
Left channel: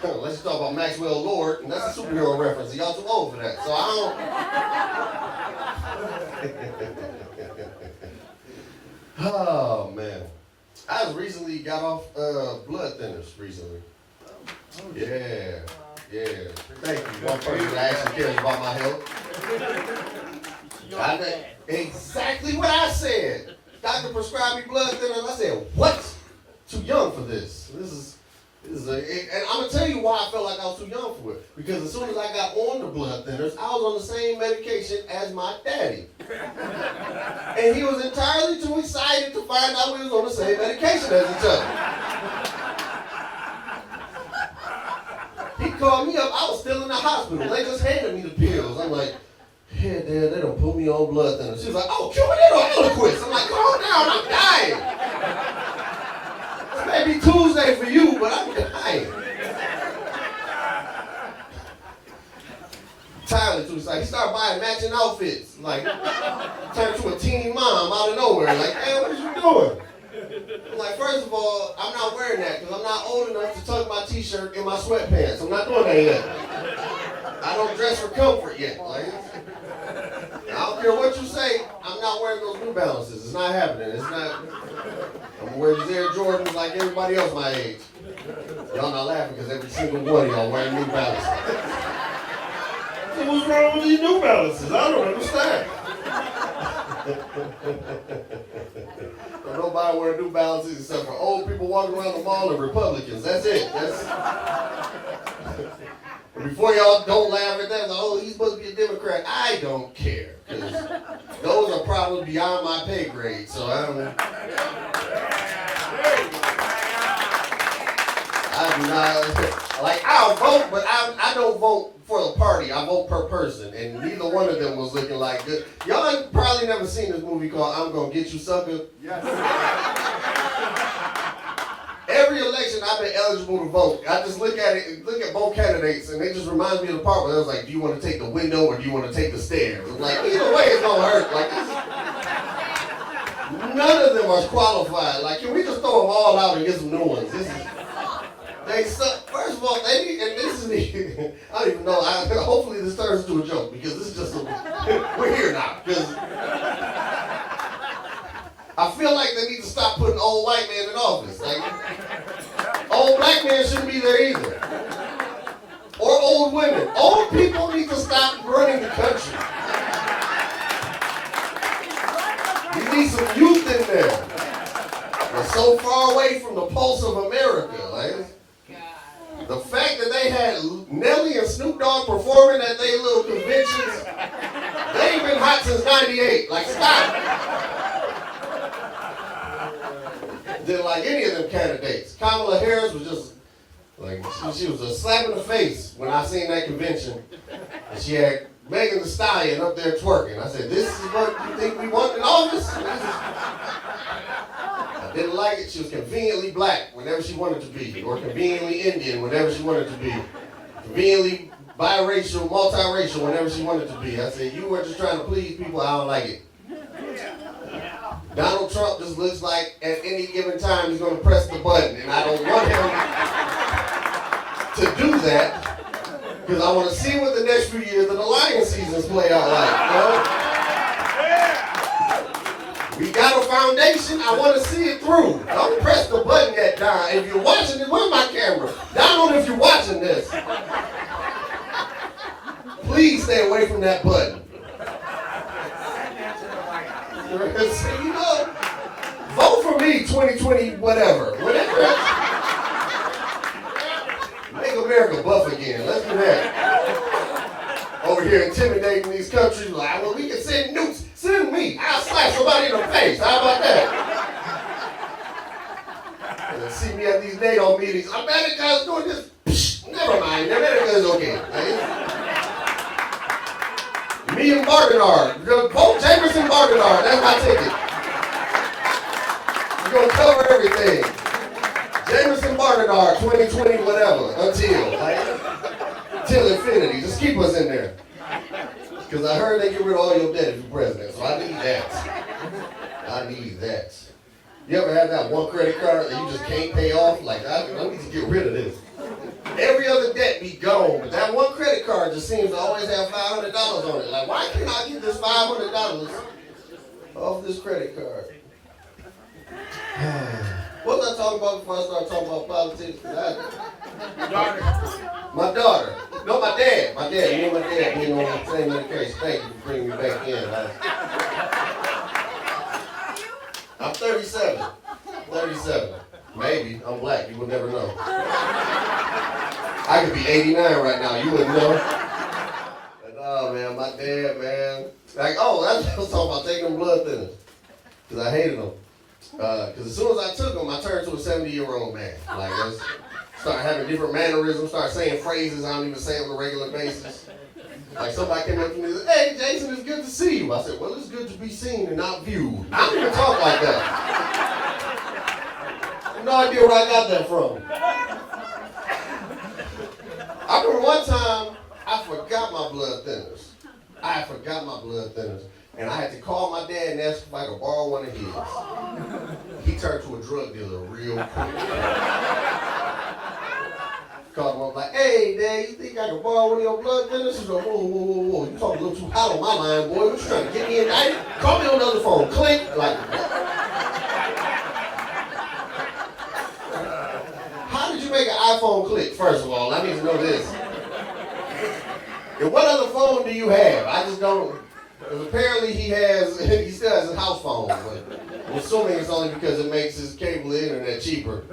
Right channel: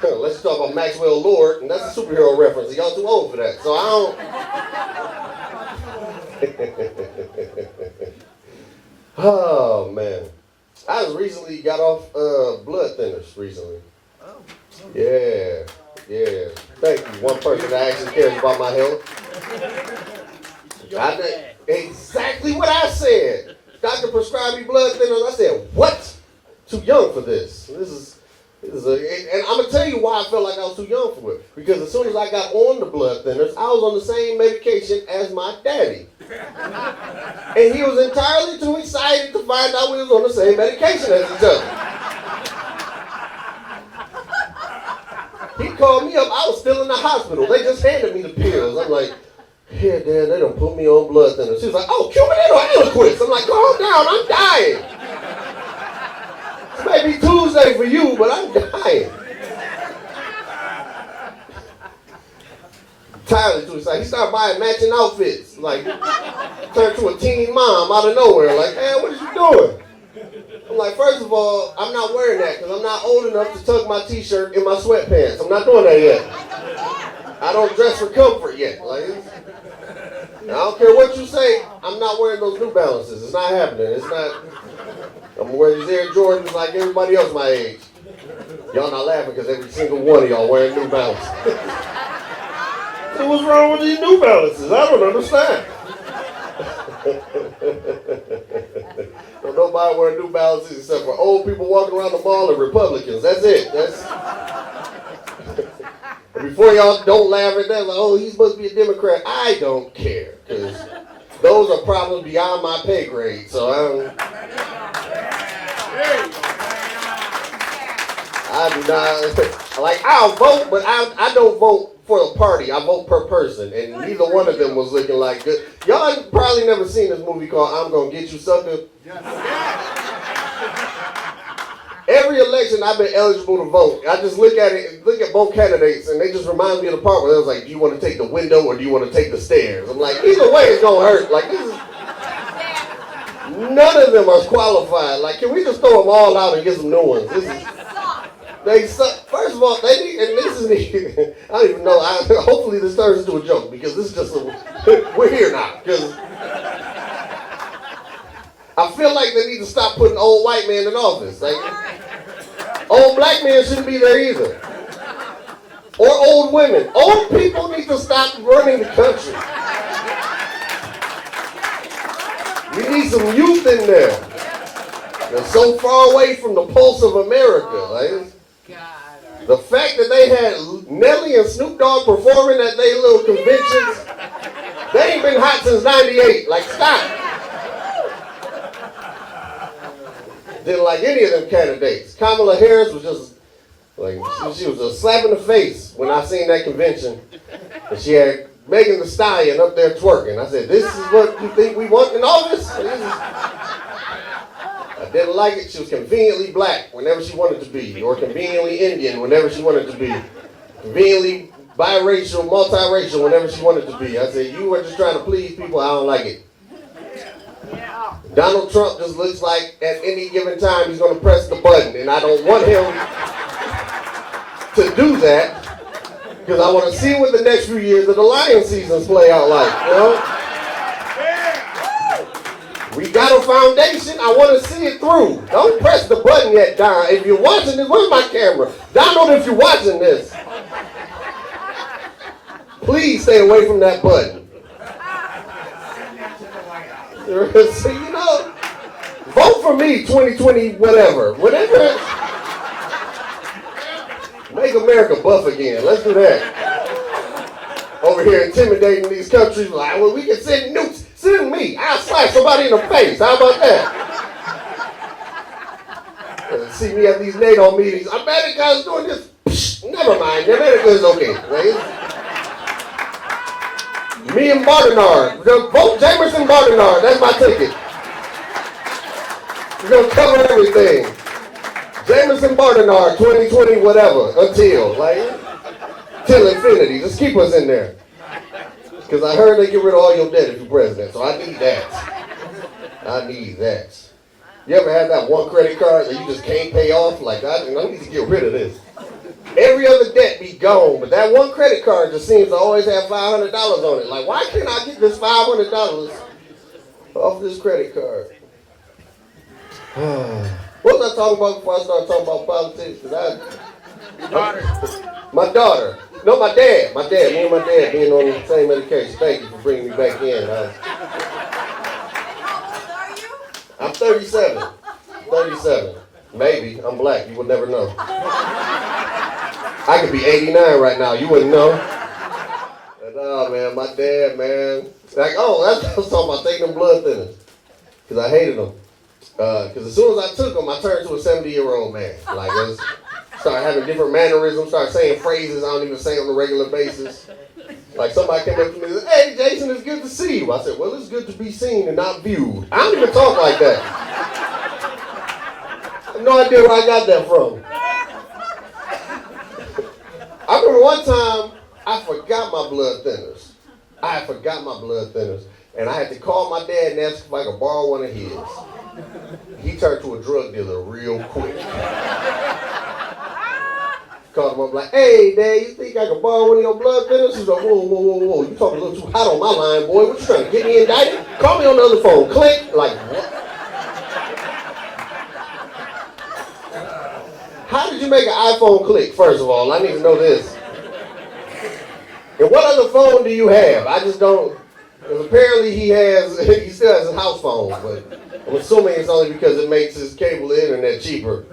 Let's talk about Maxwell Lord, and that's a superhero reference, and y'all too old for that. So I don't... Oh, man. I just recently got off blood thinners recently. Yeah. Thank you. One person that actually cares about my health. Exactly what I said. Doctor prescribed me blood thinners. I said, what? Too young for this. And I'm going to tell you why I felt like I was too young for it. Because as soon as I got on the blood thinners, I was on the same medication as my daddy. And he was entirely too excited to find out we was on the same medication as each other. He called me up. I was still in the hospital. They just handed me the pills. I'm like, yeah, Dad, they done put me on blood thinners. She was like, oh, Cubanate or Eliquis? I'm like, calm down, I'm dying. It may be Tuesday for you, but I'm dying. Tyler, too excited. He started buying matching outfits. Like, turned to a teen mom out of nowhere. Like, man, what are you doing? I'm like, first of all, I'm not wearing that because I'm not old enough to tuck my t-shirt in my sweatpants. I'm not doing that yet. I don't dress for comfort yet. Like, I don't care what you say, I'm not wearing those New Balances. It's not happening. It's not. I'm wearing these Air Jordans like everybody else my age. Y'all not laughing because every single one of y'all wearing New Balances. So what's wrong with these New Balances? I don't understand. Well, nobody wearing New Balances except for old people walking around the mall and Republicans. That's it. before y'all don't laugh at that, like, oh, he's supposed to be a Democrat. I don't care, because those are problems beyond my pay grade, so I do not, like, I'll vote, but I don't vote for a party. I vote per person, and neither one of them was looking like good. Y'all have probably never seen this movie called I'm Gonna Get You, Sucker. Yes. Every election I've been eligible to vote, I just look at both candidates, and they just remind me of the part where they was like, do you want to take the window or do you want to take the stairs? I'm like, either way it's gonna hurt. Like, this is, none of them are qualified. Like, can we just throw them all out and get some new ones? They suck. First of all, they need, and this is, I don't even know, hopefully this turns into a joke, because this is just, we're here now, because I feel like they need to stop putting old white men in office. Like, old black men shouldn't be there either. Or old women. Old people need to stop running the country. We need some youth in there. They're so far away from the pulse of America. Like, the fact that they had Nelly and Snoop Dogg performing at their little conventions, they ain't been hot since '98. Like, stop. Didn't like any of them candidates. Kamala Harris was just, like, she was a slap in the face when I seen that convention. And she had Megan Thee Stallion up there twerking. I said, this is what you think we want in office? I didn't like it. She was conveniently black whenever she wanted to be, or conveniently Indian whenever she wanted to be, conveniently biracial, multiracial whenever she wanted to be. I said, you were just trying to please people. I don't like it. Donald Trump just looks like at any given time he's going to press the button, and I don't want him to do that, because I want to see what the next few years of the Lion seasons play out like. You know? We got a foundation. I want to see it through. Don't press the button yet, Don. If you're watching this, where's my camera? Donald, if you're watching this, please stay away from that button. So, you know, vote for me 2020, whatever. Make America buff again. Let's do that. Over here intimidating these countries, like, well, we can send nukes. Send me. I'll slap somebody in the face. How about that? See me at these NATO meetings. America's doing this. Psh, never mind. America's okay. Right? Me and Bardenard. Vote Jamerson Bardenard. That's my ticket. We're going to cover everything. Jamerson Bardenard, 2020, whatever, till infinity. Just keep us in there. Because I heard they get rid of all your debt if you're president, so I need that. I need that. You ever had that one credit card that you just can't pay off? Like, I need to get rid of this. Every other debt be gone, but that one credit card just seems to always have $500 on it. Like, why can't I get this $500 off this credit card? What was I talking about before I started talking about politics? My daughter. No, my dad. Me and my dad being on the same medication. Thank you for bringing me back in. I'm 37. 37. Maybe. I'm black. You would never know. I could be 89 right now. You wouldn't know. But, oh, man, my dad, man. Like, oh, that's what I was talking about, taking them blood thinners. Because I hated them. Because as soon as I took them, I turned to a 70-year-old man. Like, I started having different mannerisms, started saying phrases I don't even say on a regular basis. Like, somebody came up to me and said, hey, Jason, it's good to see you. I said, well, it's good to be seen and not viewed. I don't even talk like that. I have no idea where I got that from. I remember one time, I forgot my blood thinners. And I had to call my dad and ask if I could borrow one of his. He turned to a drug dealer real quick. Called him up like, hey, Dad, you think I could borrow one of your blood thinners? He's like, whoa. You talking a little too hot on my line, boy. What you trying to get me indicted? Call me on the other phone. Click. Like, what? How did you make an iPhone click, first of all? I need to know this. And what other phone do you have? I just don't. Apparently he still has a house phone, but I'm assuming it's only because it makes his cable internet cheaper.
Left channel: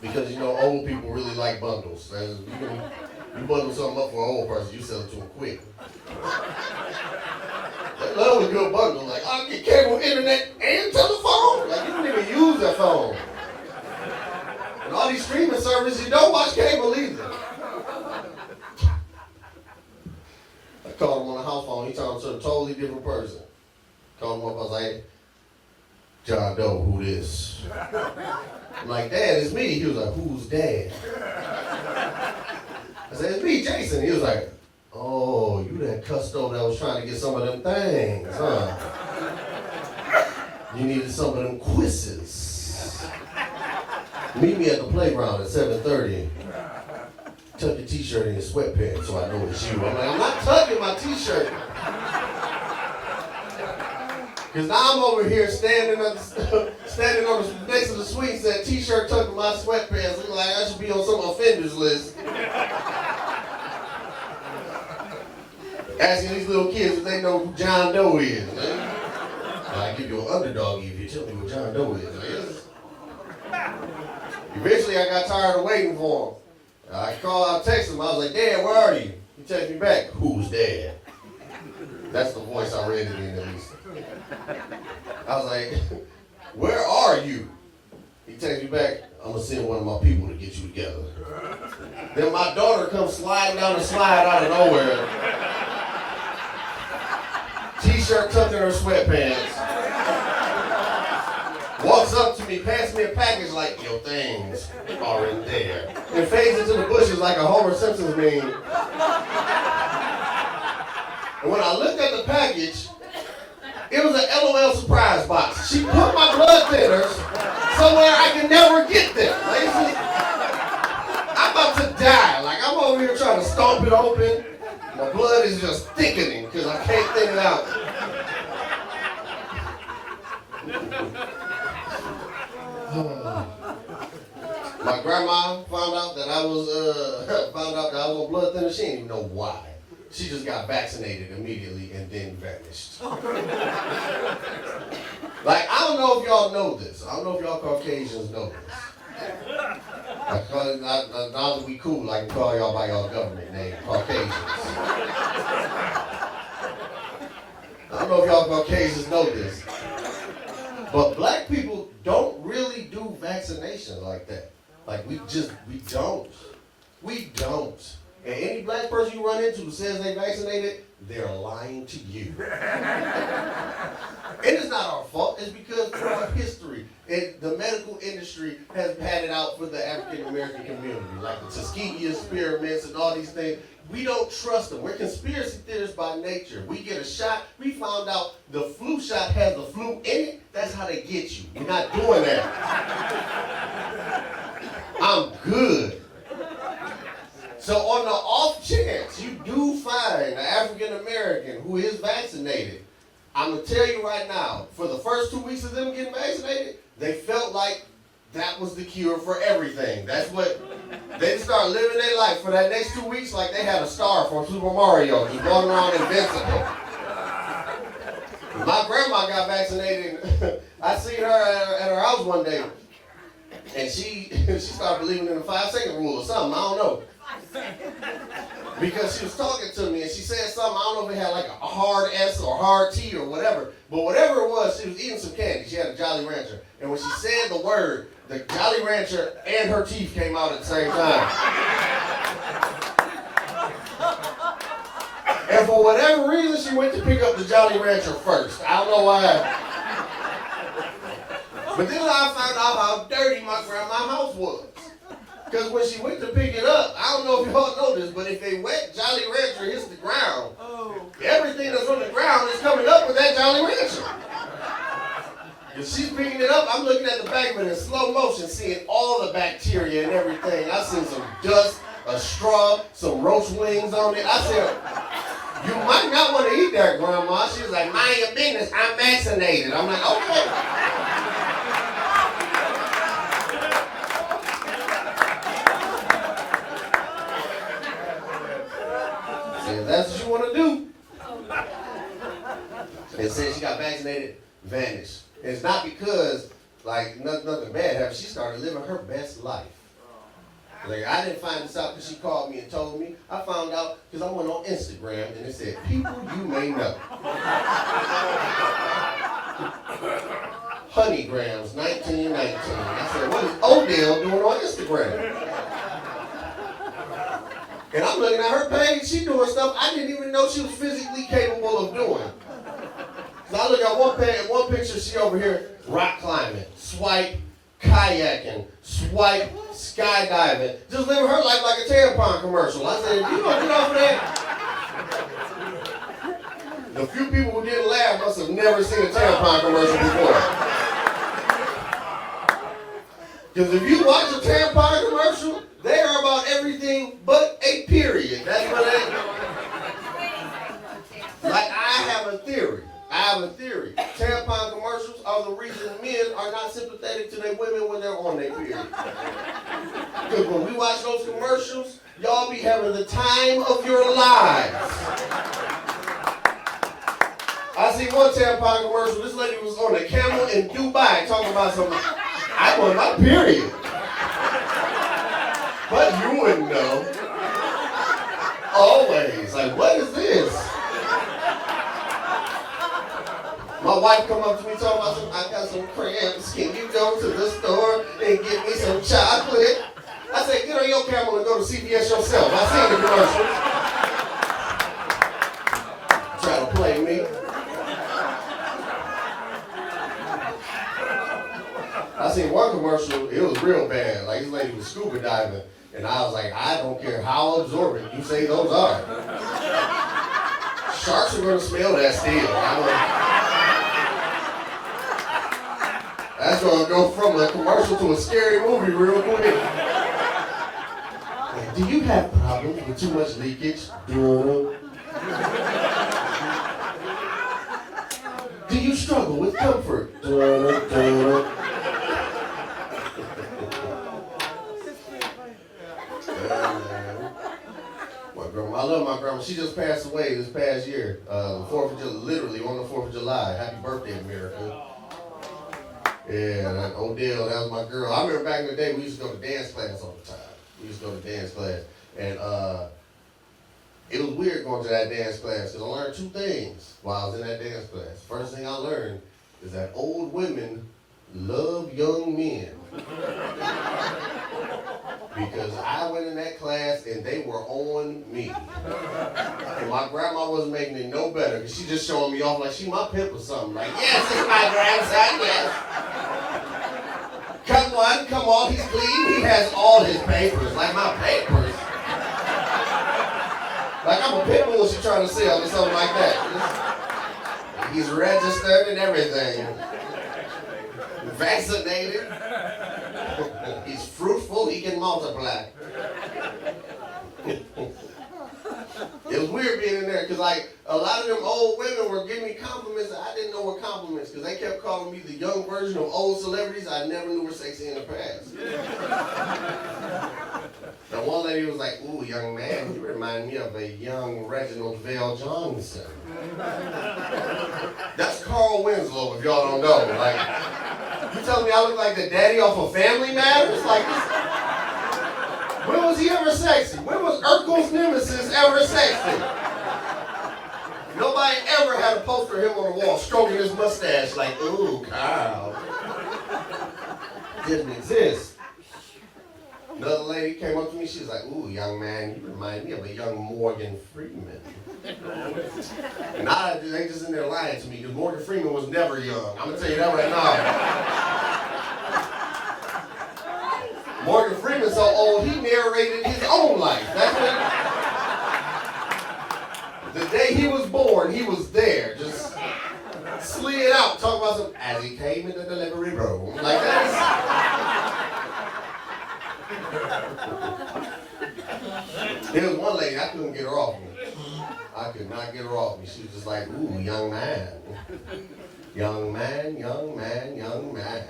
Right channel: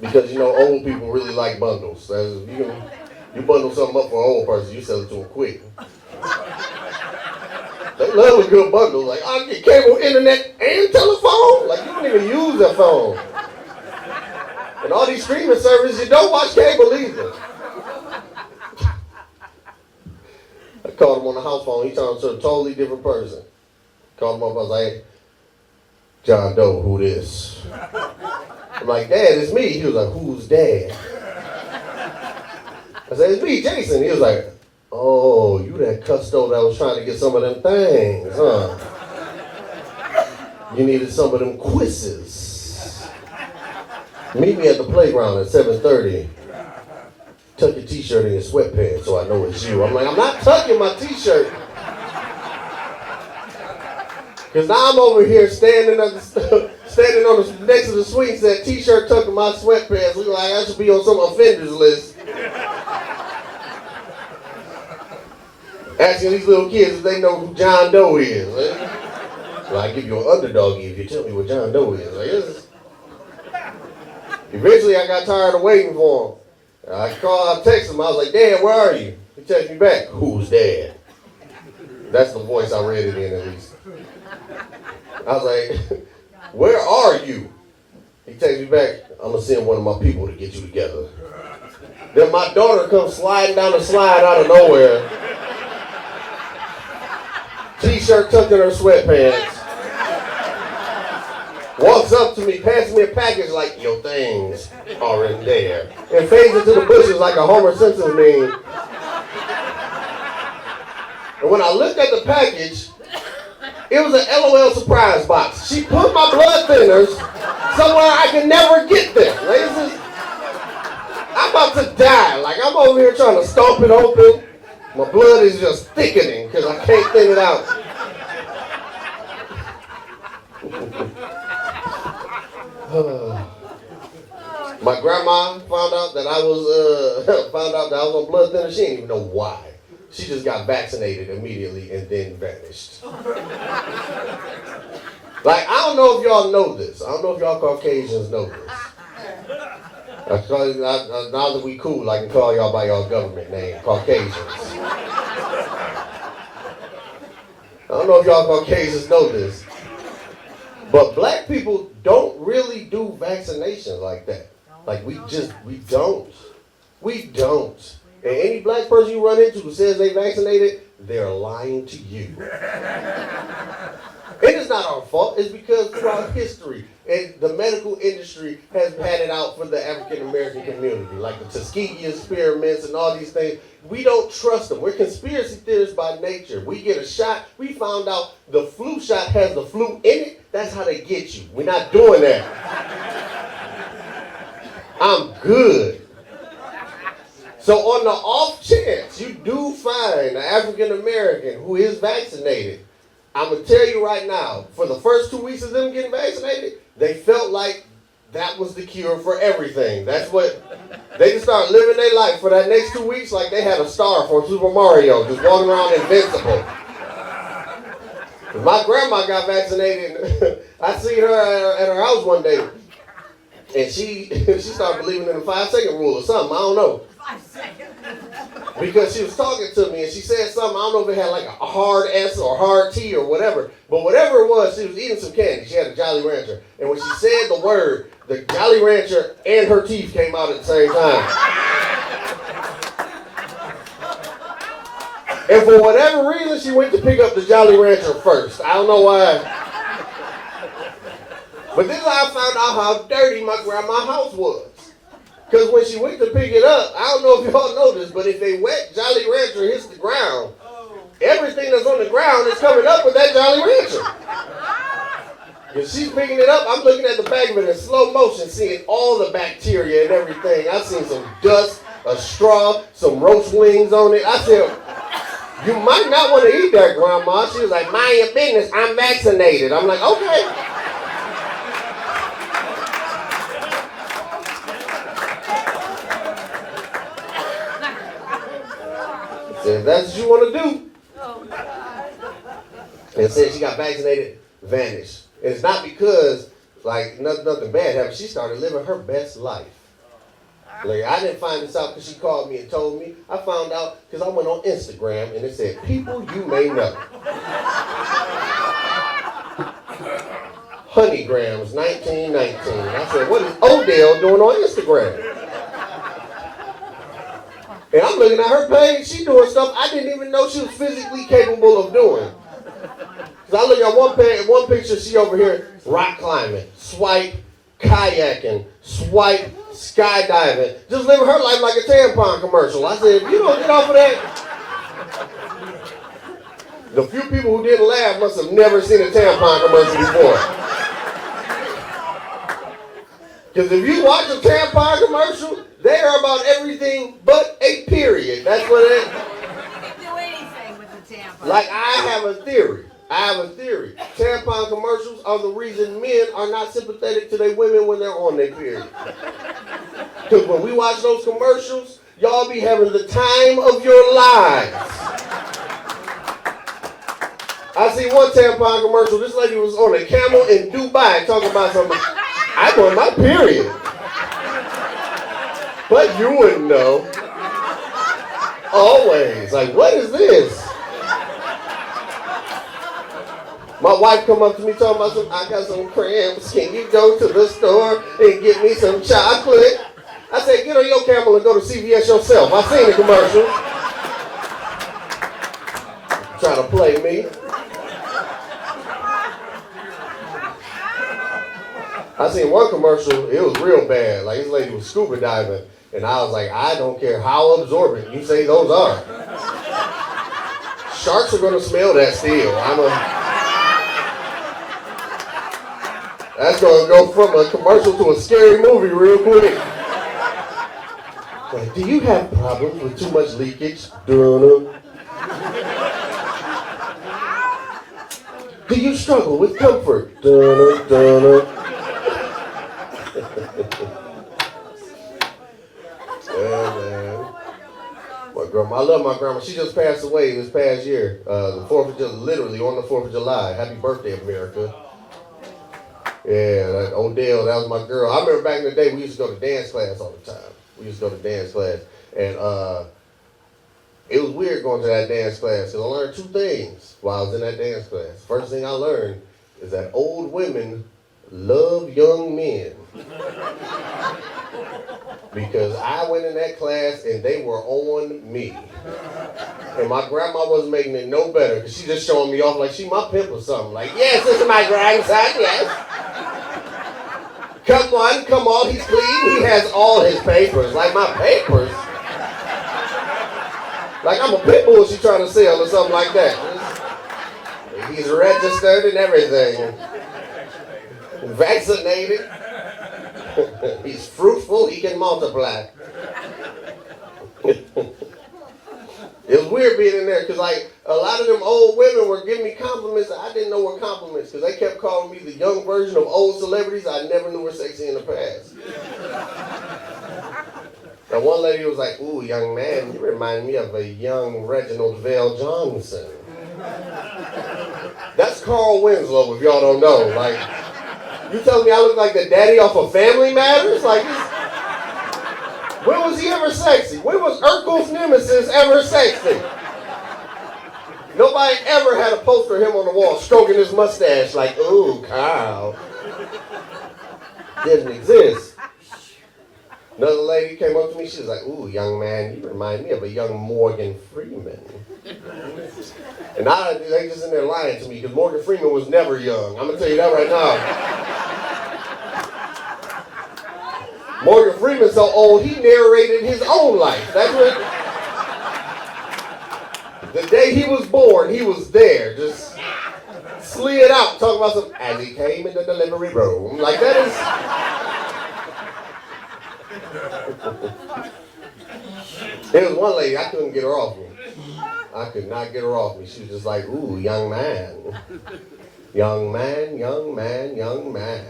Because, you know, old people really like bundles. You bundle something up for an old person, you sell it to them quick. They love a good bundle. Like, I get cable, internet, and telephone. Like, you don't even use that phone. And all these streaming services, you don't watch cable either. I called him on the house phone. He turned to a totally different person. Called him up. I was like, John Doe, who this? I'm like, Dad, it's me. He was like, who's Dad? I said, it's me, Jason. He was like, oh, you that custo that was trying to get some of them things, huh? You needed some of them quizzes. Meet me at the playground at 7:30. Tuck your t-shirt in your sweatpants so I know it's you. I'm like, I'm not tucking my t-shirt. Because now I'm over here standing on the next to the swing set, t-shirt tucking my sweatpants, looking like I should be on some offenders list. Asking these little kids if they know who John Doe is. Right? Well, I give you an underdog if you tell me what John Doe is. Like, eventually, I got tired of waiting for him. I texted him. I was like, Dad, where are you? He texted me back, who's Dad? That's the voice I read it in, at least. I was like, where are you? He texted me back, I'm going to send one of my people to get you together. Then my daughter comes sliding down the slide out of nowhere. T-shirt tucked in her sweatpants. Walks up to me, passes me a package like, your things are in there. And fades into the bushes like a Homer Simpson meme. And when I looked at the package, it was an LOL surprise box. She put my blood thinners somewhere I can never get them. Like, I'm about to die. Like, I'm over here trying to stomp it open. My blood is just thickening because I can't thin it out. My grandma found out that I was on blood thinner. She didn't even know why. She just got vaccinated immediately and then vanished. Like, I don't know if y'all know this. I don't know if y'all Caucasians know this. Now that we cool, I can call y'all by y'all government name, Caucasians. I don't know if y'all Caucasians know this, but black people don't really do vaccinations like that. Like, we don't. We don't. And any black person you run into who says they vaccinated, they're lying to you. And it's not our fault. It's because throughout history, the medical industry has had it out for the African American community, like the Tuskegee experiments and all these things. We don't trust them. We're conspiracy theorists by nature. We get a shot. We found out the flu shot has the flu in it. That's how they get you. We're not doing that. I'm good. So on the off chance you do find an African American who is vaccinated, I'm going to tell you right now, for the first 2 weeks of them getting vaccinated, they felt like that was the cure for everything. That's what, they just started living their life for that next 2 weeks like they had a star from Super Mario, just walking around invincible. My grandma got vaccinated. I seen her at her house one day, and she started believing in the 5-second rule or something, I don't know. Because she was talking to me and she said something, I don't know if it had like a hard S or hard T or whatever, but whatever it was, she was eating some candy. She had a Jolly Rancher. And when she said the word, the Jolly Rancher and her teeth came out at the same time. And for whatever reason, she went to pick up the Jolly Rancher first. I don't know why. But this is how I found out how dirty my grandma's house was. Because when she went to pick it up, I don't know if y'all know this, but if a wet Jolly Rancher hits the ground, everything that's on the ground is coming up with that Jolly Rancher. If she's picking it up, I'm looking at the back of it in slow motion, seeing all the bacteria and everything. I seen some dust, a straw, some roast wings on it. I said, you might not want to eat that, Grandma. She was like, mind your business, I'm vaccinated. I'm like, okay. If that's what you want to do. And said she got vaccinated, vanished. And it's not because, like, nothing bad happened. She started living her best life. Like, I didn't find this out because she called me and told me. I found out because I went on Instagram and it said, people you may know. Honeygrams 1919. I said, what is Odell doing on Instagram? And I'm looking at her page, she doing stuff I didn't even know she was physically capable of doing. Cause I look at one picture, she over here rock climbing, swipe, kayaking, swipe, skydiving, just living her life like a tampon commercial. I said, if you don't get off of that. The few people who didn't laugh must have never seen a tampon commercial before. Because if you watch a tampon commercial, they are about everything but a period. That's what they Do anything with the tampon. like. I have a theory. Tampon commercials are the reason men are not sympathetic to their women when they're on their period. Because when we watch those commercials, y'all be having the time of your lives. I see one tampon commercial. This lady was on a camel in Dubai talking about something. I'm on my period. But you wouldn't know. Always. Like, what is this? My wife come up to me talking about I got some cramps. Can you go to the store and get me some chocolate? I said, get on your camel and go to CVS yourself. I seen the commercial. Trying to play me. I seen one commercial, it was real bad. Like, this lady was scuba diving. And I was like, I don't care how absorbent you say those are. Sharks are gonna smell that still. That's gonna go from a commercial to a scary movie real quick. Like, do you have problems with too much leakage? Do you struggle with comfort? I love my grandma. She just passed away this past year. The 4th of July, literally on the 4th of July. Happy birthday, America. Yeah, that Odell, that was my girl. I remember back in the day, we used to go to dance class all the time. And it was weird going to that dance class because I learned two things while I was in that dance class. First thing I learned is that old women love young men. Because I went in that class and they were on me. And my grandma wasn't making it no better because she just showing me off like she my pimp or something. Like, yes, this is my grandson, yes. Come on, he's clean. He has all his papers. Like, my papers? Like I'm a pit bull she trying to sell or something like that. He's registered and everything. Vaccinated. He's fruitful, he can multiply. It was weird being in there because like a lot of them old women were giving me compliments that I didn't know were compliments because they kept calling me the young version of old celebrities I never knew were sexy in the past. Now one lady was like, ooh, young man, you remind me of a young Reginald Vale Johnson. That's Carl Winslow if y'all don't know. Like, you telling me I look like the daddy off of Family Matters? Like, when was he ever sexy? When was Urkel's nemesis ever sexy? Nobody ever had a poster of him on the wall stroking his mustache like, ooh, Carl. Didn't exist. Another lady came up to me, she was like, ooh, young man, you remind me of a young Morgan Freeman. And they just in there lying to me because Morgan Freeman was never young. I'm gonna tell you that right now. Morgan Freeman's so old, he narrated his own life. That's what. The day he was born, he was there, just slid out, talking about some, as he came in the delivery room. Like that is. There was one lady, I couldn't get her off me. I could not get her off me. She was just like, ooh, young man. Young man, young man, young man.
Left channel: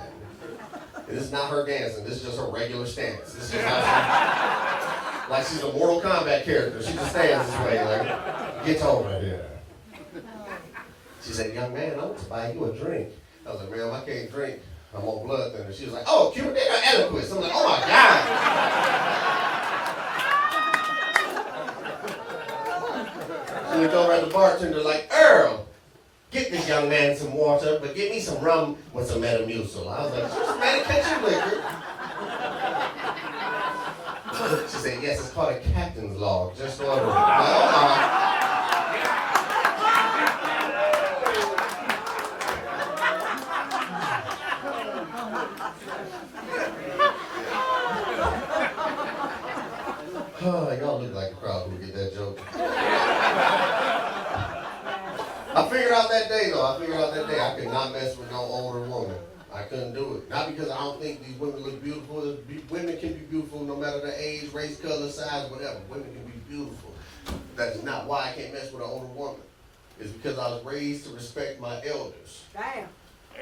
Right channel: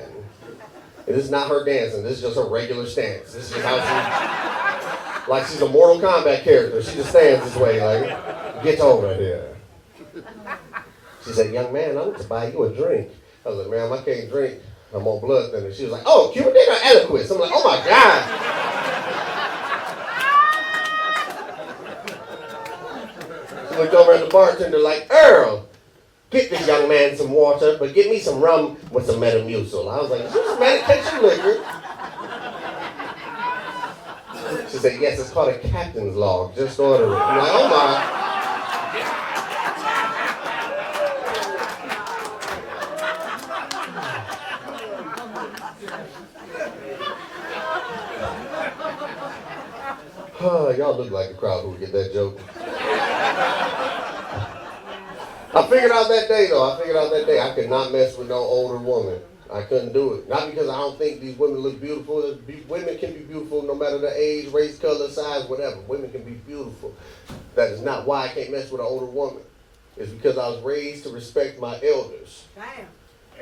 And this is not her dancing. This is just her regular stance. This is just how she, like she's a Mortal Kombat character. She just stands this way, like, get over here. She said, young man, I want to buy you a drink. I was like, ma'am, I can't drink. I'm on blood thinner. She was like, oh, Cuban or Eliquis. I'm like, oh my God. Looked over at the bartender like, Earl, get this young man some water, but get me some rum with some Metamucil. I was like, just medication liquor. She said, yes, it's called a captain's log. Just order it. I'm like, oh my. Y'all look like the crowd who would get that joke. I figured out that day I could not mess with no older woman. I couldn't do it. Not because I don't think these women look beautiful. Women can be beautiful no matter the age, race, color, size, whatever. Women can be beautiful. That is not why I can't mess with an older woman. It's because I was raised to respect my elders. Damn.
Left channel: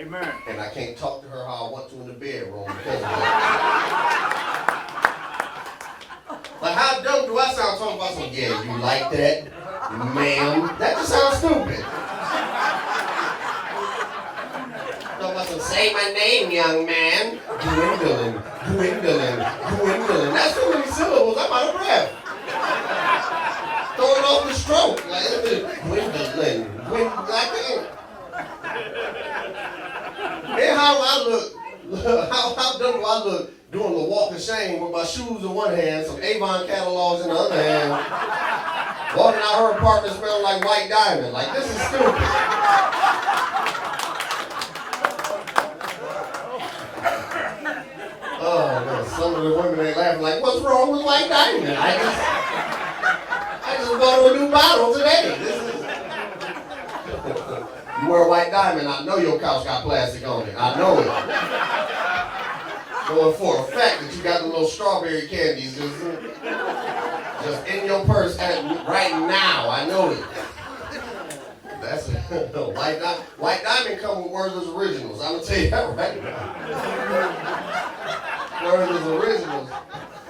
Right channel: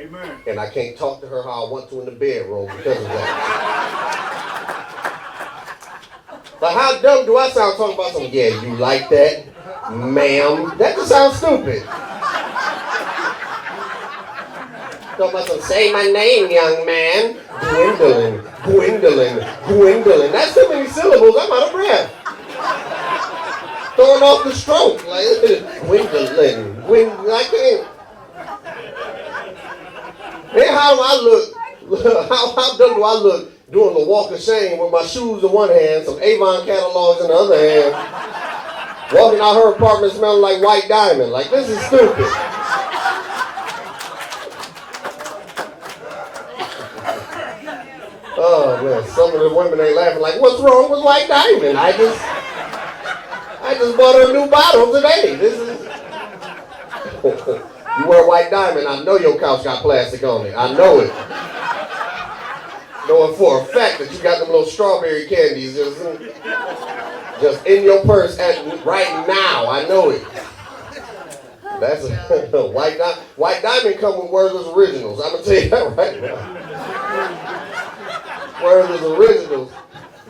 Amen. And I can't talk to her how I want to in the bedroom because of that. Like, how dumb do I sound talking about something? Yeah, you like that, ma'am? That just sounds stupid. Talking about some, say my name, young man. Gwendolyn, Gwendolyn, Gwendolyn. That's too many syllables. I'm out of breath. Throwing off the stroke. Like, Gwendolyn, Gwendolyn. I can't. Man, how I look, how dumb do I look doing the walk of shame with my shoes in one hand, some Avon catalogs in the other hand, walking out her apartment smelling like white diamond. Like, this is stupid. Oh, man, some of the women ain't laughing like, what's wrong with white diamond? I just bought her a new bottle today. This is... You wear white diamond, I know your couch got plastic on it. I know it. Knowing for a fact that you got them little strawberry candies just in your purse right now. I know it. That's a white diamond. White diamond come with Werther's Originals. I'm gonna tell you that right now. Werther's Originals.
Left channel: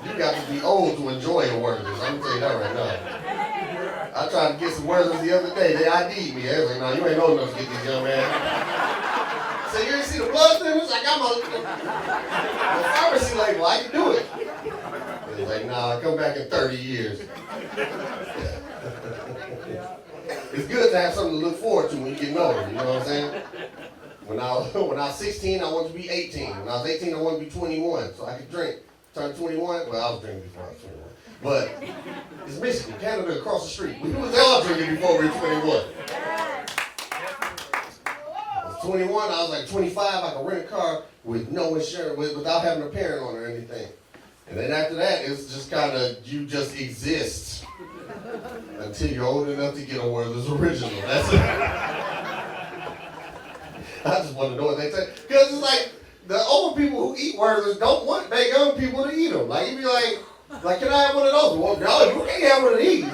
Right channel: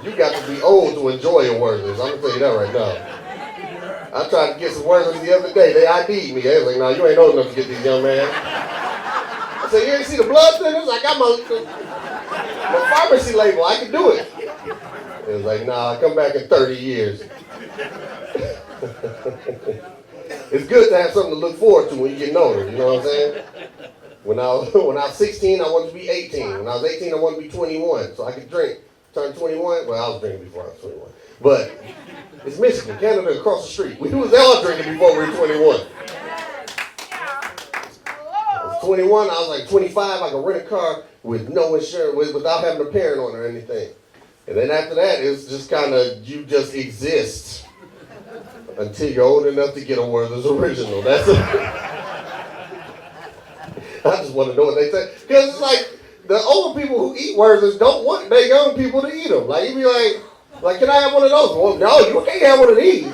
You got to be old to enjoy your Werther's. I'm gonna tell you that right now. I tried to get some Werther's the other day. They ID'd me. They was like, "Nah, you ain't old enough to get these, young man." I said, "You ain't see the blood thinners? I got my pharmacy label. I can do it." It was like, "Nah, come back in 30 years." It's good to have something to look forward to when you get older. You know what I'm saying? When I was 16, I wanted to be 18. When I was 18, I wanted to be 21, so I could drink. Turned 21. Well, I was drinking before I was 21, but it's Michigan, Canada, across the street. We was all drinking before we were 21. I was 21. I was like 25. I could rent a car with no insurance, without having a parent on or anything. And then after that, it's just kind of, you just exist until you're old enough to get a Werther's Original. That's it. I just want to know what they say. Because it's like, the older people who eat Werther's don't want their young people to eat them. Like, you be like, can I have one of those? Well, no, you can't have one of these.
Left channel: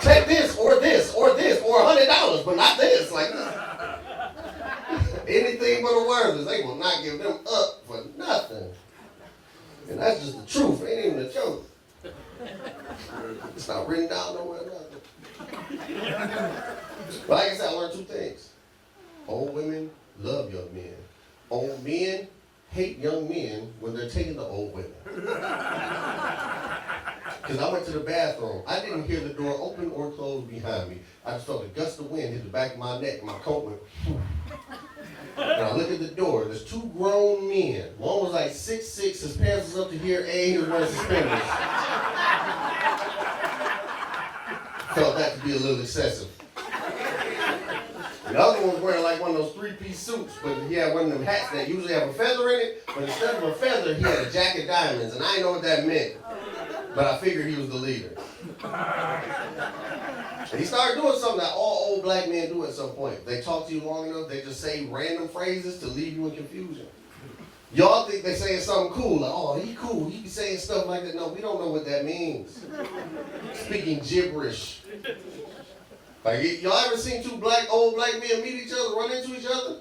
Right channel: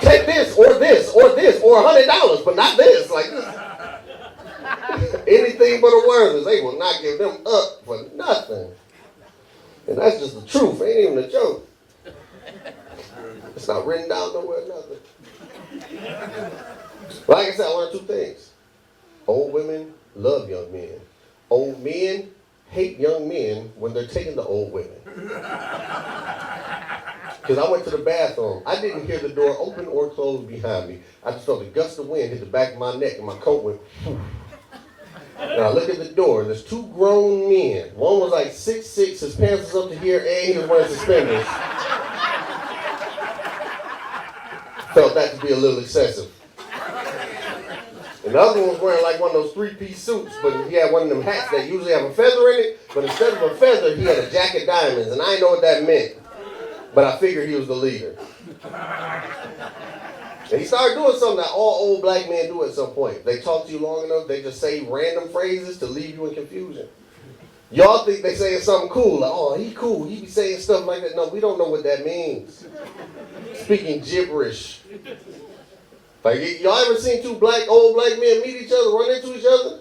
Take this, or this, or this, or $100, but not this. Like, anything but a Werther's. They will not give them up for nothing. And that's just the truth. Ain't even a joke. It's not written down nowhere, nothing. Like I said, I learned two things. Old women love young men. Old men hate young men when they're taking the old women. Because I went to the bathroom. I didn't hear the door open or close behind me. I just felt a gust of wind hit the back of my neck and my coat went. And I look at the door, and there's two grown men. One was like 6'6", his pants was up to here, and he was wearing suspenders. Felt that to be a little excessive. And the other one was wearing like one of those three-piece suits, but he had one of them hats that usually have a feather in it, but instead of a feather, he had a jack of diamonds, and I didn't know what that meant. But I figured he was the leader. And he started doing something that all old black men do at some point. They talk to you long enough, they just say random phrases to leave you in confusion. Y'all think they saying something cool, like, oh, he cool, he be saying stuff like that. No, we don't know what that means. Speaking gibberish. Like, y'all ever seen two old black men meet each other, run into each other?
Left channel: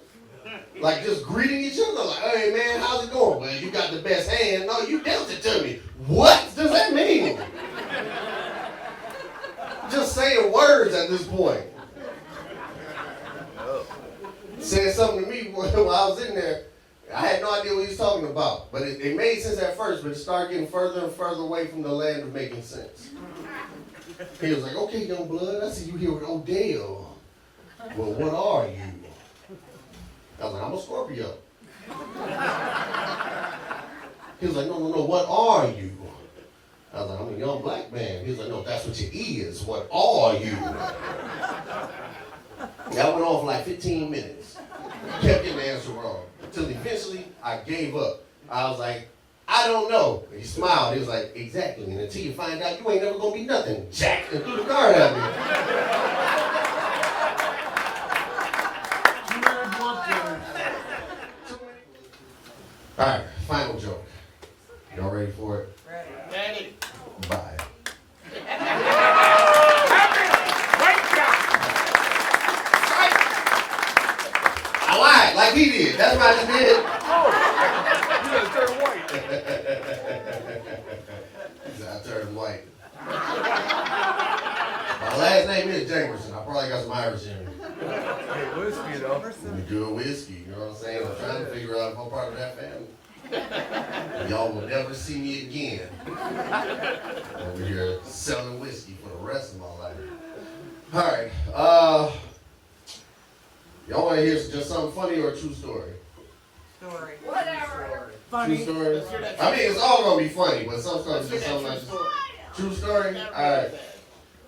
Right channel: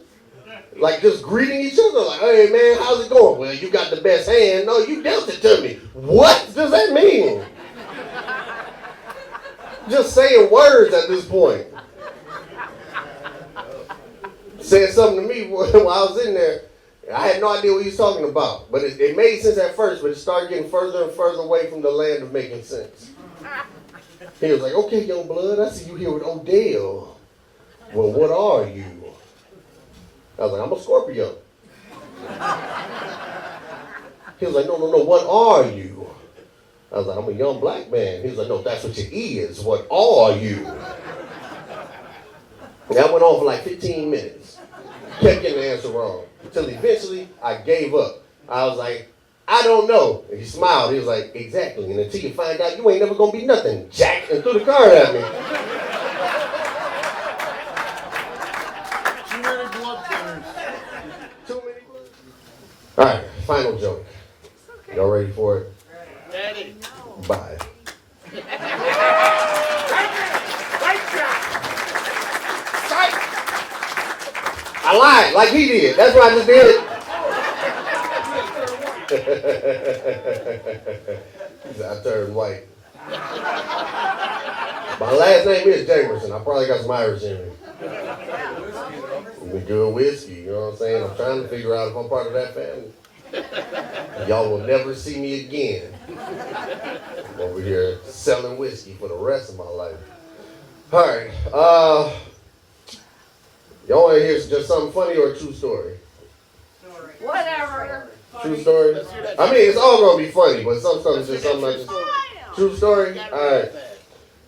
Like, just greeting each other, like, hey, man, how's it going? Well, you got the best hand. No, you dealt it to me. What does that mean? Just saying words at this point. Said something to me while I was in there. I had no idea what he was talking about. But it made sense at first, but it started getting further and further away from the land of making sense. He was like, okay, young blood, I see you here with Odell. Well, what are you? I was like, I'm a Scorpio. He was like, no, what are you? I was like, I'm a young black man. He was like, no, that's what you is. What are you? And that went on for like 15 minutes. Kept getting the answer wrong. Until eventually I gave up. I was like, I don't know. And he smiled. He was like, exactly. And until you find out, you ain't never gonna be nothing, Jack. And threw the card at me. All right, final joke. Y'all ready for it? Daddy. Bye. I lied, like he did. That's what I just did. He said, I turned white. My last name is Jamerson. I probably got some Irish in me. Good whiskey, you know what I'm saying? I'm trying to figure out if I'm part of that family. Y'all will never see me again. Over here selling whiskey for the rest of my life. All right. Y'all want to hear just something funny or a true story? Story. Whatever. True story? I mean, it's all going to be funny, but some stuff is just something like this. True story? All right.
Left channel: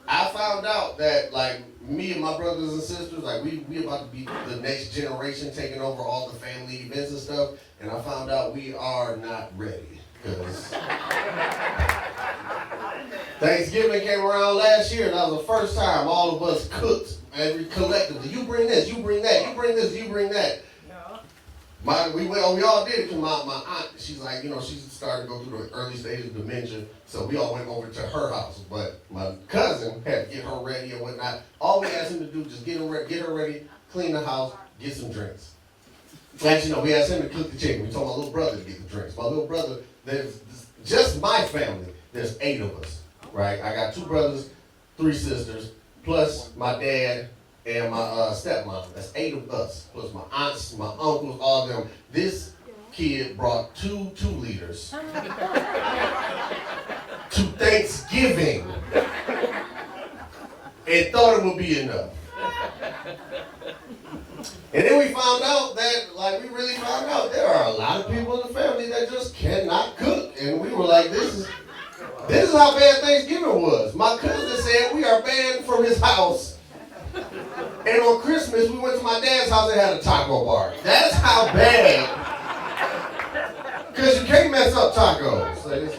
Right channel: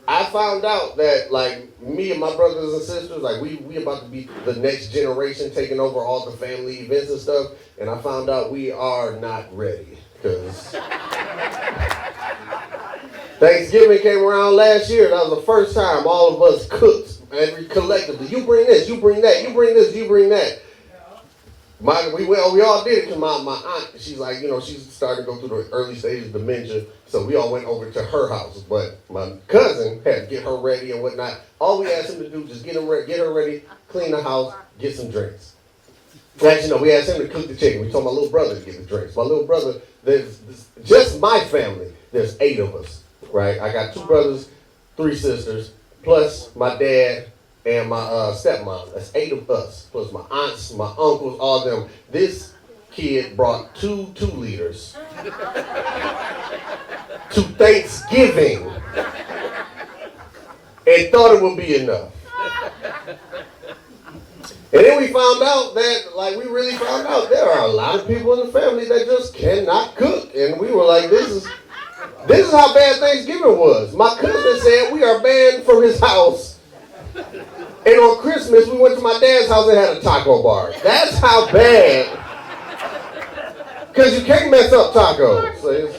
I found out that, like, me and my brothers and sisters, like, we about to be the next generation taking over all the family events and stuff, and I found out we are not ready, because Thanksgiving came around last year, and that was the first time all of us cooked, every collectively. You bring this, you bring that, you bring this, you bring that. We all did it because my aunt, she's like, you know, she's starting to go through the early stages of dementia, so we all went over to her house. But my cousin had to get her ready and whatnot. All we asked him to do was just get her ready, clean the house, get some drinks. Actually, no, we asked him to cook the chicken. We told my little brother to get the drinks. My little brother, there's just my family, there's 8 of us, right? I got 2 brothers, 3 sisters, plus my dad, and my stepmom. That's 8 of us, plus my aunts, my uncles, all of them. This kid brought 2 liters to Thanksgiving and thought it would be enough. And then we found out that, like, we really found out there are a lot of people in the family that just cannot cook. And we were like, this is how bad Thanksgiving was. My cousin said we are banned from his house. And on Christmas, we went to my dad's house and had a taco bar. That's how bad. Because you can't mess up tacos.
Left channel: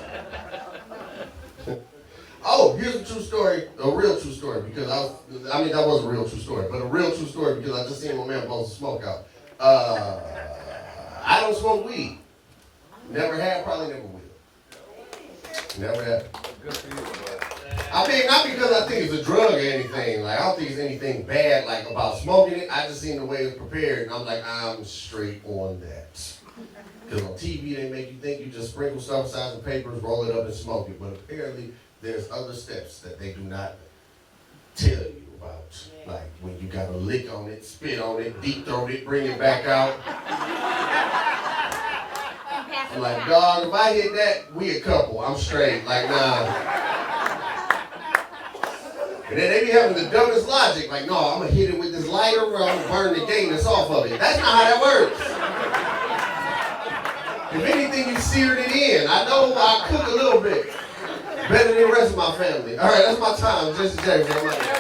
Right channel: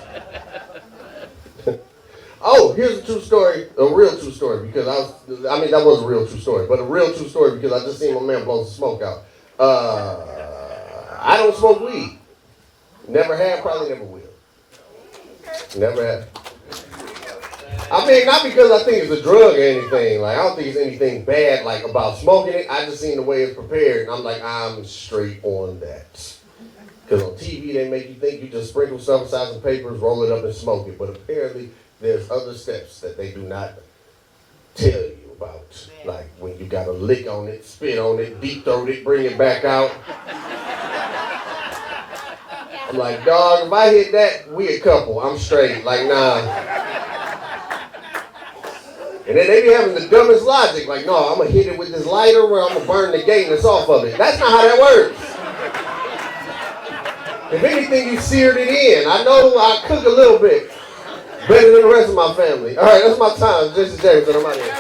Oh, here's a true story, a real true story, because that was a real true story, but a real true story because I just seen my man blow some smoke out. I don't smoke weed. Never had, probably never will. Never had. I mean, not because I think it's a drug or anything. Like, I don't think it's anything bad, like, about smoking it. I just seen the way it's prepared, and I'm like, I'm straight on that. Because on TV, they make you think you just sprinkle stuff inside some papers, roll it up, and smoke it. But apparently, there's other steps that they do not tell you about. Like, when you got to lick on it, spit on it, deep throat it, bring it back out. I'm like, dog, if I hit that, we a couple. I'm straight. Like, nah. And then they be having the dumbest logic, like, no, I'm going to hit it with this lighter where I'm going to burn the gayness off of it. That's not how that works. If anything, you seared it in. I know I cook a little bit. Better than the rest of my family. All right, that's my time. Jesse Jamerson, I'm out of here.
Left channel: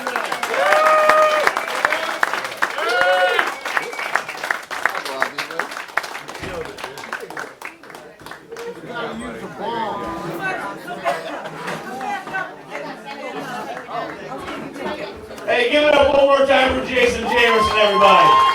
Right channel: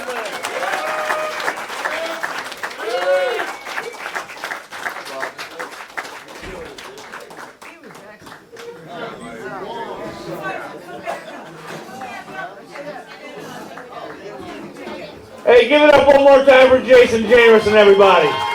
Hey, give it up one more time for Jason Jamerson, everybody.